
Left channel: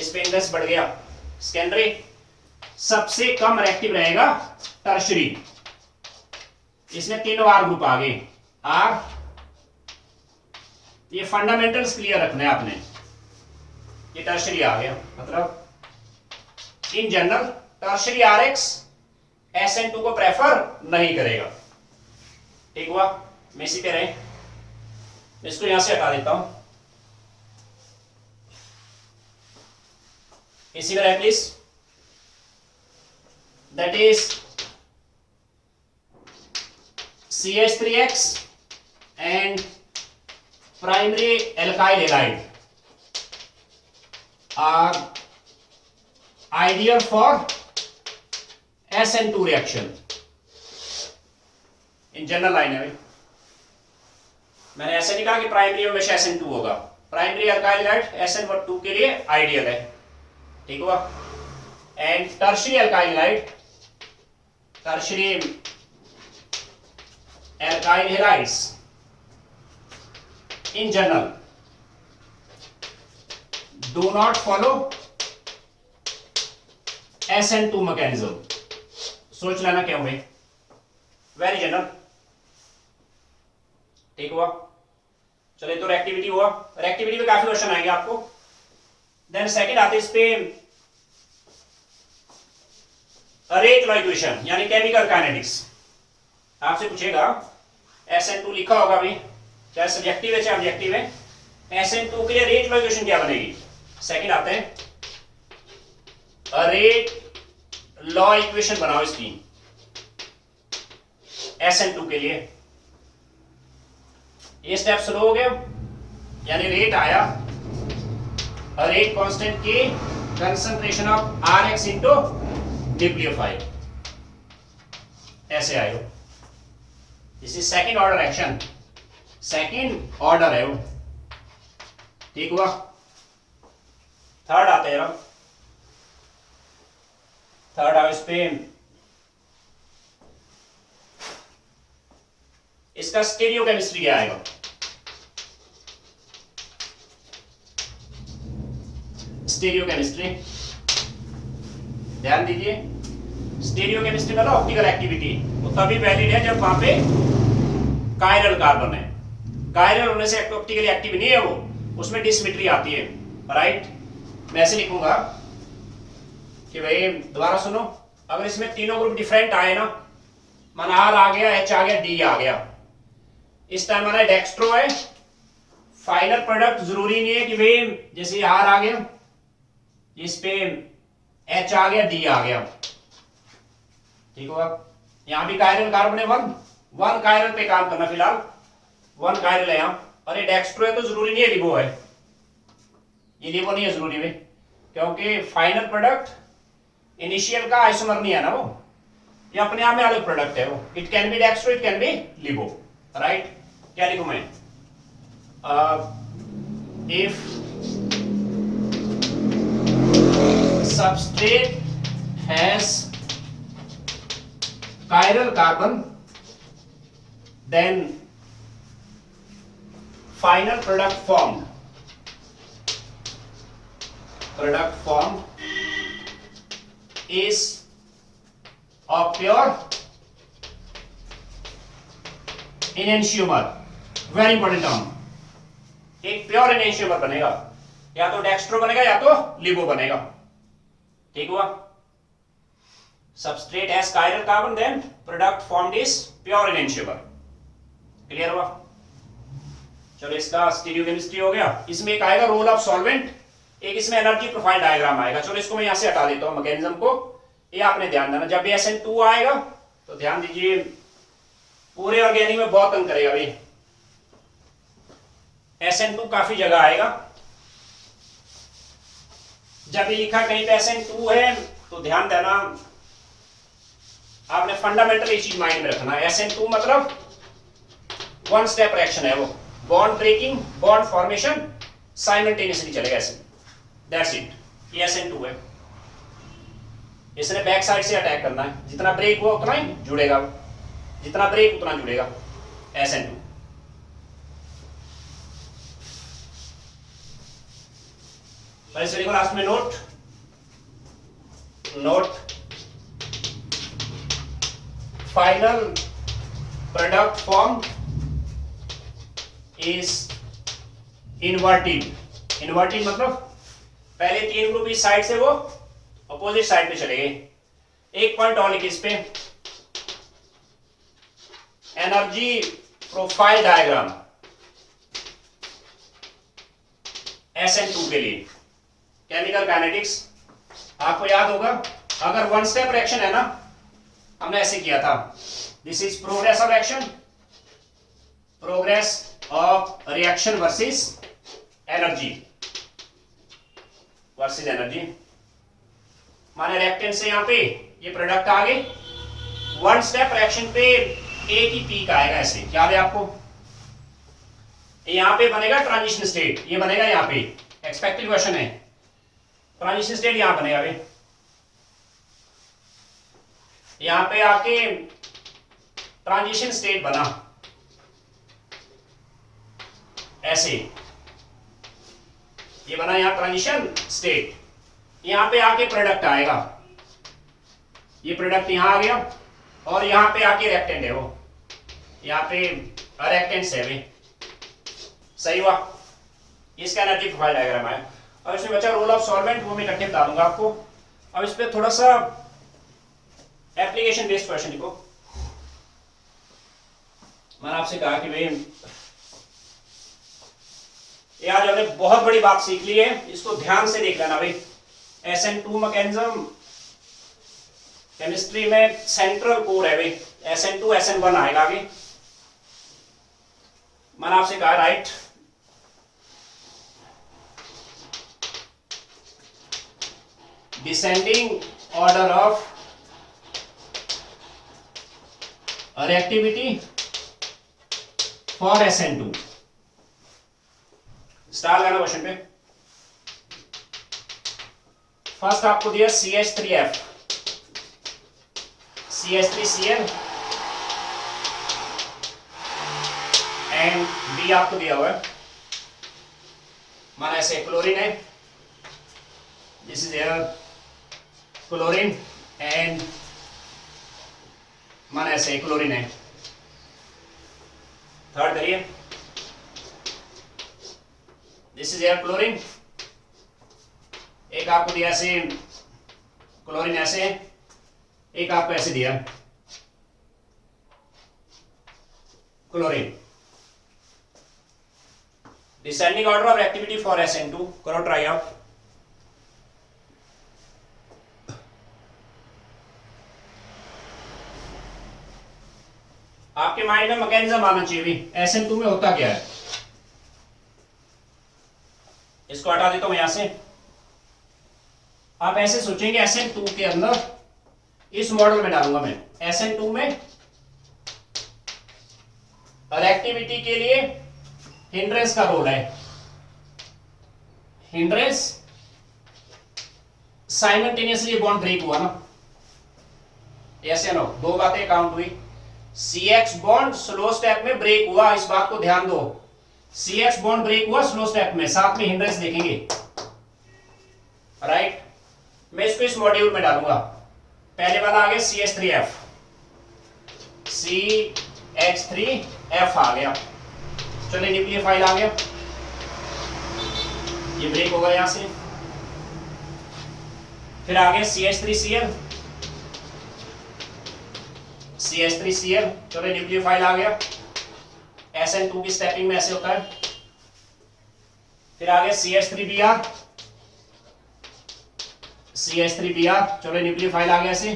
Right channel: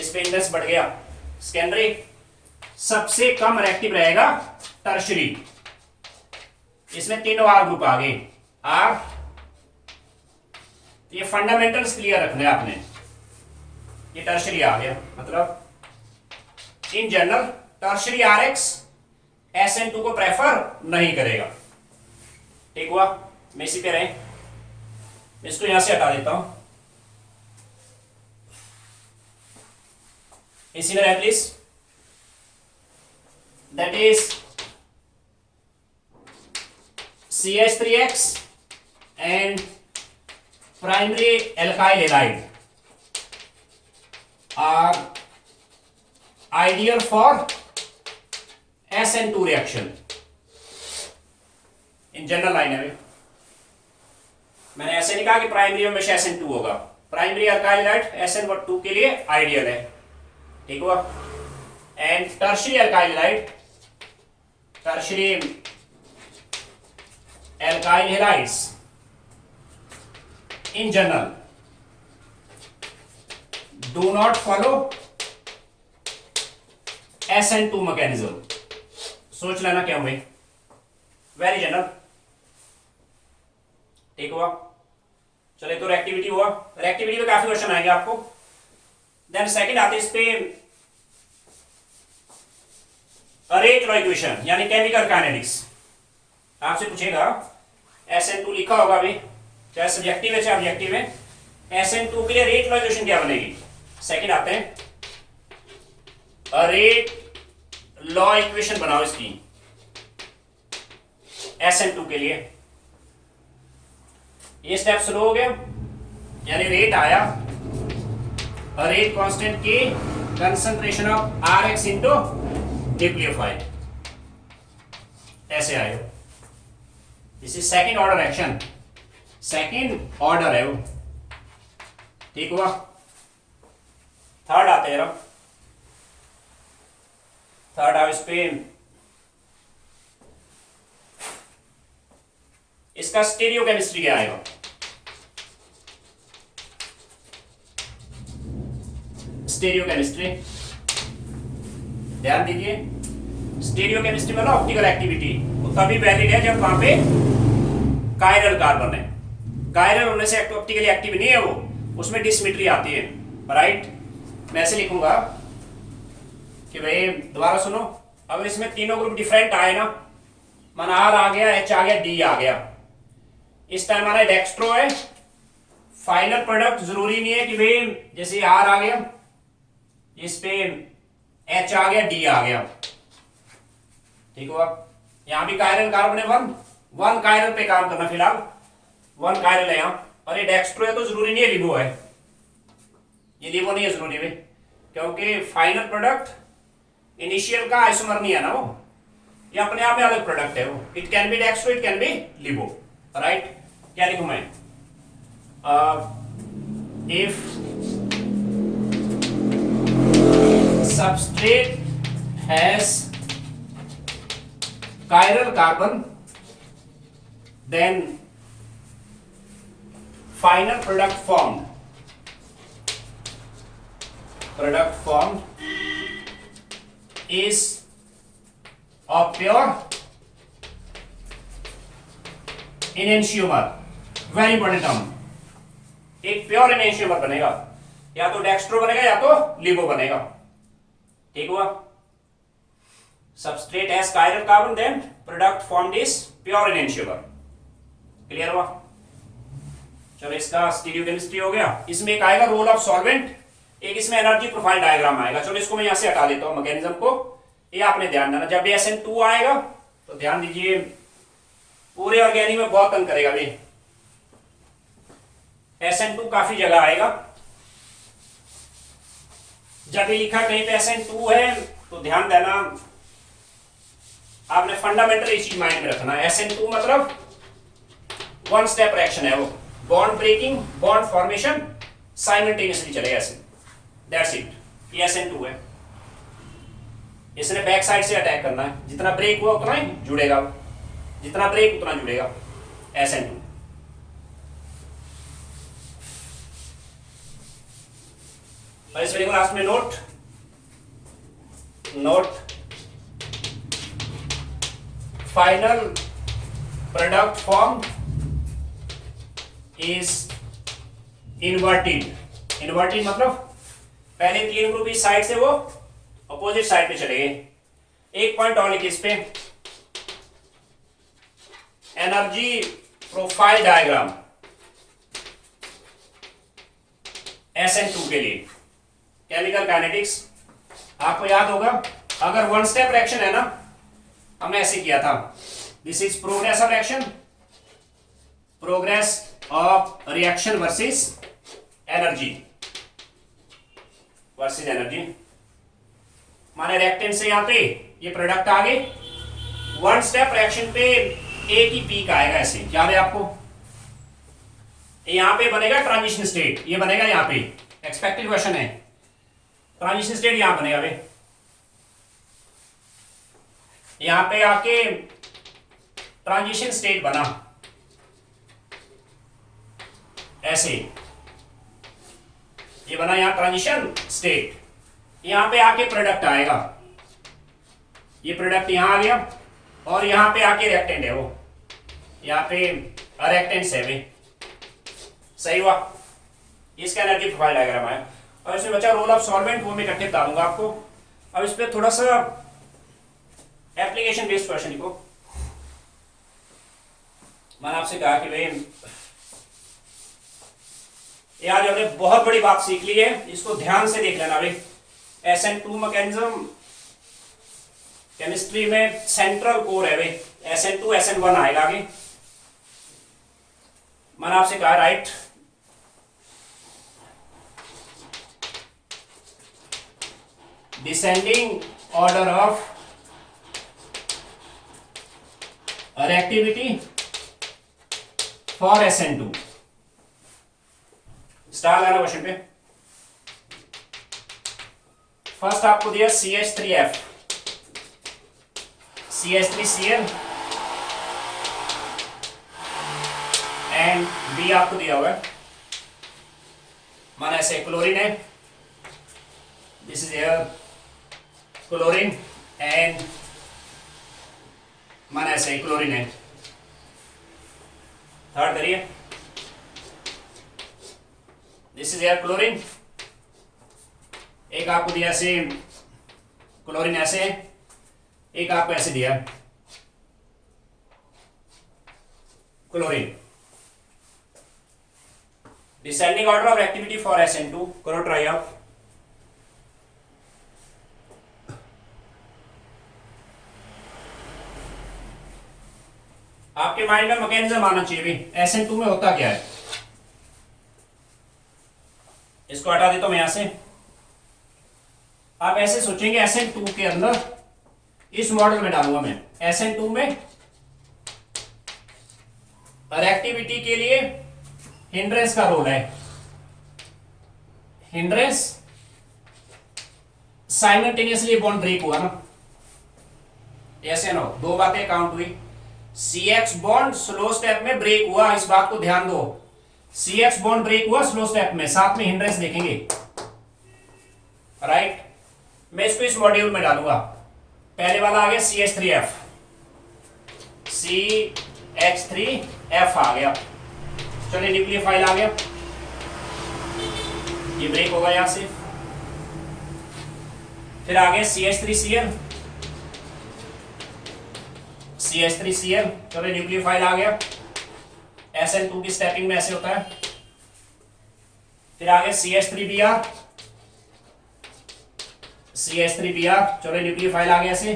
इस पे इंडेक्स बढ़ गया। सेकेंडरी सबसे कम रिएक्टिव रहेगा टर्शरी, इसमें 3 R ग्रुप आ गए, R, ये फंडामेंटल्स क्लियर रखने हैं आपने, ये टर्शरी आ गया, मतलब in general tertiary RX SN2 को प्रेफर नहीं करेगा, ठीक हुआ। मैं इसी पे रहे, इसको यहां से हटा देता हूं, इसी में रहे please, that is CH3X and primary alkyl halide are ideal for SN2 reaction in general line है। मैंने ऐसे नहीं कहा कि प्राइमरी में हमेशा SN2 होगा, प्राइमरी अल्काइल हैलाइड SN2 के लिए आइडियल है, ठीक हुआ। And tertiary alkyl halide, tertiary alkyl halides in general do not follow SN2 mechanism। सोच लेना क्या हुए, वेरी जनरल, ठीक हुआ। चलिए, तो रिएक्टिविटी हुआ, रिएक्टिविटी में काफी क्वेश्चन आएंगे आपको। देन सेकंड आते इस पे रेट लॉ इक्वेशन यानी केमिकल काइनेटिक्स। आपसे पूछेगा SN2 लिखा होगा अभी, चाहे सब्जेक्टिव है चाहे ऑब्जेक्टिव है, SN2 के लिए रेट लॉ इक्वेशन क्या बनेगी। सेकंड आते हैं, रेट लॉ इक्वेशन बनाओ इसकी SN2 के लिए। ये स्टेप स्लो हो गया, यानी रेट आया रेट कांस्टेंट के concentration of Rx into nucleophile, ऐसे आएगा। This is second order action, second order है वो, ठीक हुआ। थर्ड आते हैं, थर्ड आओ इस पे, इसका स्टीरियोकेमिस्ट्री क्या आएगा। स्टीरियोकेमिस्ट्री ध्यान दीजिए, स्टीरियोकेमिस्ट्री मतलब ऑप्टिकल एक्टिविटी वो तभी वैलिड है जब वहां पे कायरल कार्बन है। कायरल होने से ऑप्टिकली एक्टिव नहीं है वो, उसमें डिसिमेट्री आती है, राइट। मैं ऐसे लिखूंगा कि भाई दोबारा सुनो, अगर इसमें तीनों ग्रुप डिफरेंट आए ना, मन R आ गया, H आ गया, D आ गया, इस टाइम हमारा डेक्स्ट्रो है, फाइनल प्रोडक्ट जरूरी नहीं है कि भाई जैसे R आ गया इस पे H आ गया, D आ गया, ठीक हुआ। यहां भी कायरल कार्बन है, वन कायरल पे काम करना, फिलहाल वन कायरल है यहां, और ये डेक्स्ट्रो है तो जरूरी नहीं है लिबो है, ये लिबो नहीं है जरूरी भाई, क्योंकि फाइनल प्रोडक्ट इनिशियल का आइसोमर नहीं है ना वो, ये अपने आप में अलग प्रोडक्ट है वो। It can be dextro, it can be लिबो, राइट। क्या लिखूं मैं, if substrate has chiral carbon, then final product formed is of pure enantiomer, very important term, एक प्योर enantiomer बनेगा, या तो डेक्स्ट्रो बनेगा या तो लिबो बनेगा, ठीक हुआ। Substrate has chiral carbon, then product formed is pure enantiomer, clear हुआ। चलो इसका स्टीरियोकेमिस्ट्री हो गया। इसमें एक आएगा रोल ऑफ सॉल्वेंट, एक इसमें एनर्जी प्रोफाइल डायग्राम आएगा। चलो इसको मैं यहां से हटा देता हूं मैकेनिज्म को, ये आपने ध्यान देना। जब भी SN2 आएगा तो ध्यान दीजिए, पूरे ऑर्गेनिक में बहुत तंग करेगा भाई, SN2 काफी जगह आएगा। जब ये लिखा कहीं पे SN2 है तो ध्यान देना, आपने फंडामेंटल ये चीज माइंड में रखना है। SN2 मतलब वन स्टेप रिएक्शन है वो, bond breaking, bond formation simultaneously चलेगा ऐसे, दैट्स इट। ये SN2 है, इसने बैक साइड से अटैक करना है, जितना ब्रेक हुआ उतना ही जुड़ेगा, जितना ब्रेक उतना जुड़ेगा SN2। और इस वीडियो को लास्ट में note final product form is inverted. Inverted मतलब पहले तीन ग्रुप इस साइड से वो अपोजिट साइड पे चले गए। एक पॉइंट और लिखिए इस पे, एनर्जी प्रोफाइल डायग्राम SN2 के लिए केमिकल काइनेटिक्स। आपको याद होगा, अगर वन स्टेप रिएक्शन है ना, हमने ऐसे किया था, this is progress of reaction, progress of reaction versus energy, माने रिएक्टेंट से यहां पे ये प्रोडक्ट आ गए, वन स्टेप रिएक्शन पे एक ही पीक आएगा, ऐसे याद है आपको। यहां पे बनेगा ट्रांजिशन स्टेट, ये बनेगा यहां पे, एक्सपेक्टेड क्वेश्चन है, ट्रांजिशन स्टेट यहां बनेगा भाई, यहां पे आके ट्रांजिशन स्टेट बना ऐसे, ये बना यहां ट्रांजिशन स्टेट, यहां पे आके प्रोडक्ट आएगा, ये प्रोडक्ट यहां आ गया, और यहां पे आके रिएक्टेंट है वो, यहां पे रिएक्टेंट्स है भाई, सही हुआ। इसका एनर्जी प्रोफाइल डायग्राम है। और इसमें बचा रोल ऑफ सॉल्वेंट, वो मैं इकट्ठे बता दूंगा आपको। अब इस पे थोड़ा सा एप्लीकेशन बेस्ड क्वेश्चन लिखो। मैंने आपसे कहा कि भाई ये आज हमने बहुत बड़ी बात सीख ली है, इसको ध्यान से देख लेना भाई। SN2 मैकेनिज्म केमिस्ट्री में सेंट्रल कोर है भाई। SN2 SN1 आएगा आगे। मैंने आपसे कहा right descending order of reactivity for SN2। Star लगाना क्वेश्चन पे। फर्स्ट आपको दिया CH3F, CH3Cl एंड B आपको दिया हुआ है, माना ऐसे क्लोरीन है, this is air chlorine and माना ऐसे क्लोरीन है। थर्ड करिए, दिस इज एयर क्लोरीन, एक आपको दिया ऐसे क्लोरीन ऐसे है, एक आपको ऐसे दिया chlorine. Descending order of activity for SN2 करो ट्राई आउट। आपके माइंड में मैकेनिज्म आना चाहिए भी SN2 में होता क्या है। इसको हटा देता हूं यहां से। आप ऐसे सोचेंगे SN2 के अंदर, इस मॉडल में डालूंगा मैं, SN2 में रिएक्टिविटी के लिए हिंड्रेंस का रोल है। हिंड्रेंस साइमल्टेनियसली बॉन्ड ब्रेक हुआ ना, ऐसे नो, दो बातें काउंट हुई। CX बॉन्ड स्लो स्टेप में ब्रेक हुआ, इस बात को ध्यान दो। CX बॉन्ड ब्रेक हुआ स्लो स्टेप में, साथ में हिंड्रेंस देखेंगे, राइट। मैं इसको इस मॉड्यूल में डालूंगा। पहले वाला आ गया CH3F, CH3F आ गया। चलिए न्यूक्लियोफाइल आ गया, ये ब्रेक होगा यहां से। फिर आ गया CH3Cl, CH3Cl, चलिए न्यूक्लियोफाइल आ गया। SN2 की स्टेपिंग में ऐसे होता है। फिर आ गया CH3Br, CH3Br, चलो न्यूक्लियोफाइल आ गया ऐसे,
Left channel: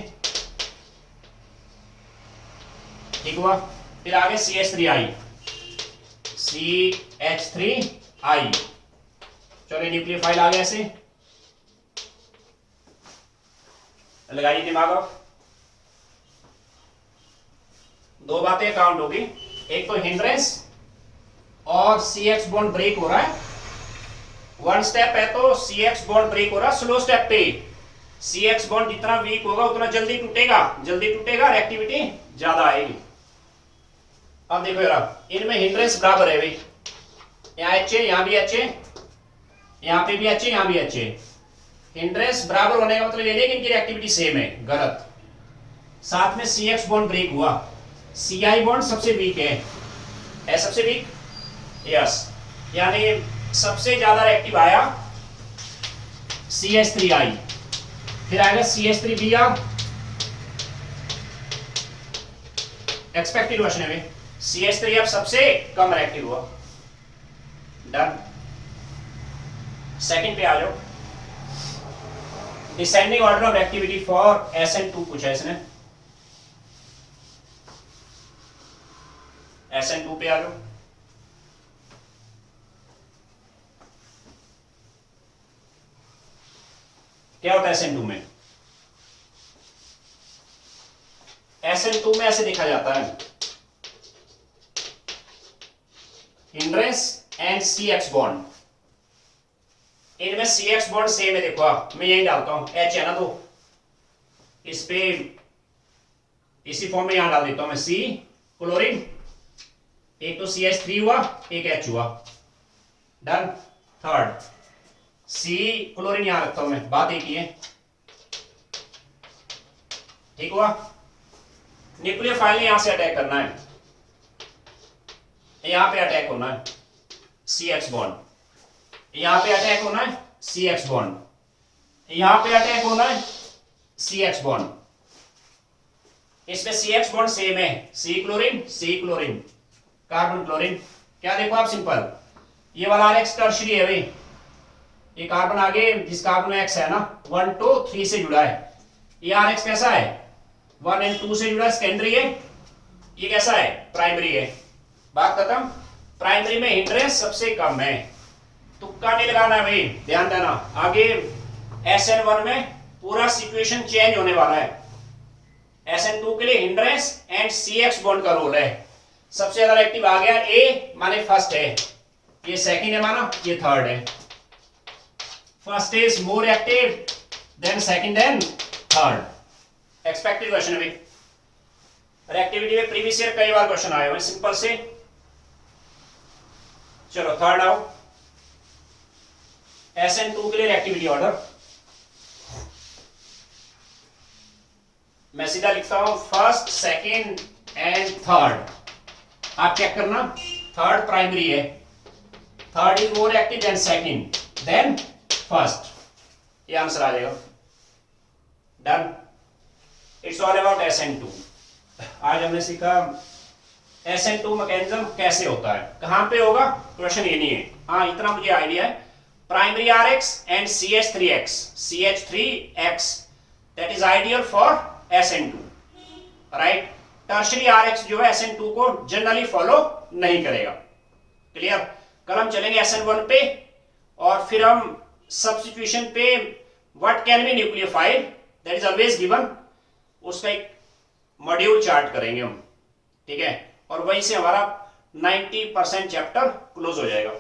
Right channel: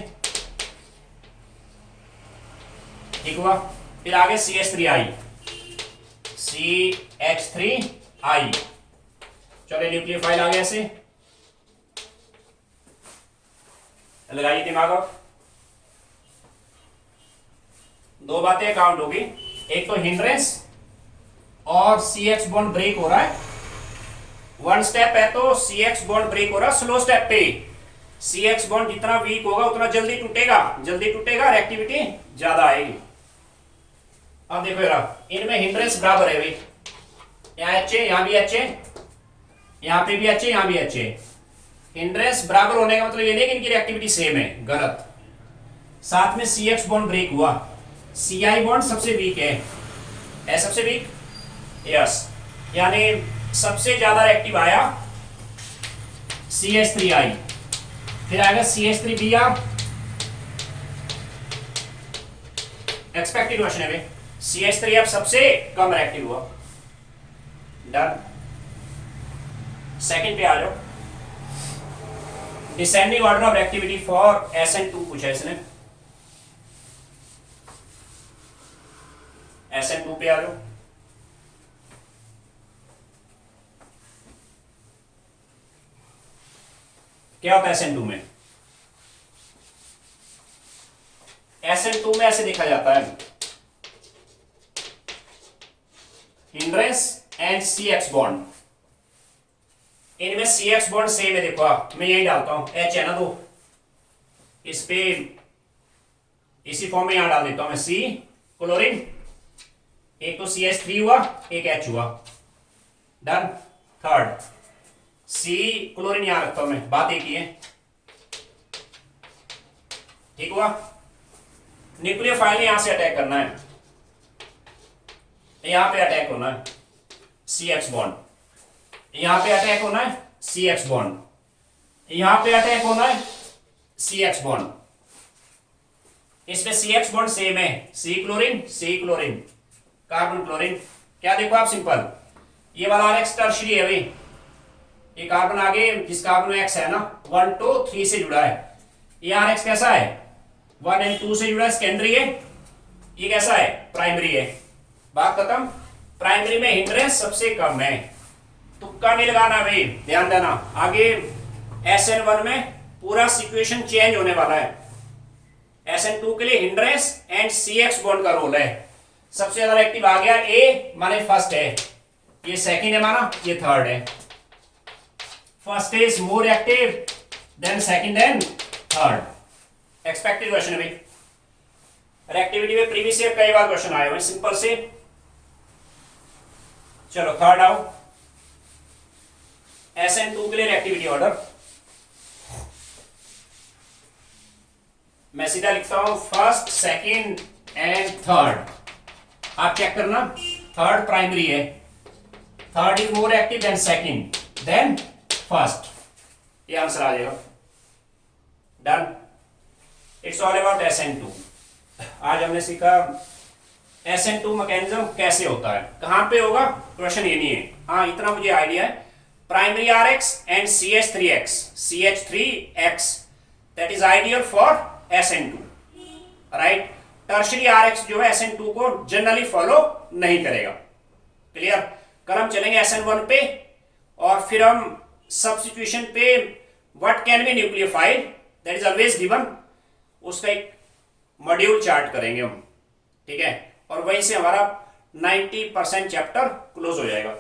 ठीक हुआ। फिर आ गया CH3I, CH3I, चलो न्यूक्लियोफाइल आ गया ऐसे। लगाइए दिमाग आप। दो बातें काउंट होगी, एक तो हिंड्रेंस और CX बॉन्ड ब्रेक हो रहा है। वन स्टेप है तो CX बॉन्ड ब्रेक हो रहा है स्लो स्टेप पे। CX बॉन्ड जितना वीक होगा उतना जल्दी टूटेगा, जल्दी टूटेगा, रिएक्टिविटी ज्यादा आएगी। अब देखो यार, इनमें हिंड्रेंस बराबर है भाई, यहाँ H है, यहाँ भी H है, यहाँ पे भी H है, यहाँ भी H है। हिंड्रेंस बराबर होने का मतलब ये नहीं कि इनकी रिएक्टिविटी सेम है, गलत। साथ में CX बॉन्ड ब्रेक हुआ, CI बॉन्ड सबसे वीक है सबसे वीक, यस, यानी सबसे ज्यादा एक्टिव आया CH3I। फिर आएगा CH3Br, एक्सपेक्टेड क्वेश्चन है भाई। CH3F सबसे कम रिएक्टिव हुआ, डन। सेकंड पे आ जाओ, descending order of activity for SN2 पूछा है इसने। SN2 पे आ जाओ। क्या होता है SN2 में? SN2 में ऐसे देखा जाता है, हिंड्रेंस एंड CX बॉन्ड। इनमें CX बॉन्ड सेम है, देखो आप, मैं यही डालता हूं, H है ना, तो इस पे इसी फॉर्म में यहां डाल देता हूं मैं, C क्लोरीन, एक तो CH3 हुआ, एक H हुआ, डन। थर्ड C क्लोरीन यहां रखता हूं मैं, बात एक ही है, ठीक हुआ। न्यूक्लियोफाइल ने यहां से अटैक करना है, यहां पे अटैक होना है CX बॉन्ड, यहां पे अटैक होना है CX बॉन्ड, यहां पे अटैक होना है CX बॉन्ड, इसमें CH बॉन्ड सेम है, C क्लोरीन कार्बन क्लोरीन। क्या देखो आप सिंपल, ये वाला RX टर्शियरी है भाई, ये कार्बन आगे जिस कार्बन में X है ना 1 2 3 से जुड़ा है, ये RX कैसा है 1 and 2 से जुड़ा है, सेकेंडरी है, ये कैसा है प्राइमरी है। बात खत्म। प्राइमरी में हिंड्रेंस सबसे कम है, तुक्का नहीं लगाना भाई, ध्यान देना। आगे SN1 में पूरा सिचुएशन चेंज होने वाला है। SN2 के लिए हिंड्रेंस एंड CX बॉन्ड का रोल है। सबसे ज्यादा एक्टिव आ गया A माने फर्स्ट है, ये सेकंड है माना, ये थर्ड है। First is more active than second than third. Expected question है भाई, रिएक्टिविटी में प्रीवियस ईयर कई बार क्वेश्चन आए हुए हैं सिंपल से। चलो थर्ड आओ, SN2 के लिए रिएक्टिविटी ऑर्डर मैं सीधा लिखता हूं फर्स्ट सेकंड एंड थर्ड। आप चेक करना, थर्ड प्राइमरी है, third is more active than second than first, ये आंसर आ जाएगा। Done. It's all about SN2। आज हमने सीखा SN2 मैकेनिज्म कैसे होता है, कहां पे होगा, क्वेश्चन ये नहीं है। हाँ इतना मुझे आइडिया है, primary RX and CH3X that is ideal for SN2, right. Tertiary RX जो है SN2 को जनरली फॉलो नहीं करेगा। क्लियर। कल हम चलेंगे SN1 पे और फिर हम सब्स्टिट्यूशन पे what can be nucleophile that is always given, उसका एक मॉड्यूल चार्ट करेंगे हम, ठीक है। और वहीं से हमारा 90% चैप्टर क्लोज हो जाएगा।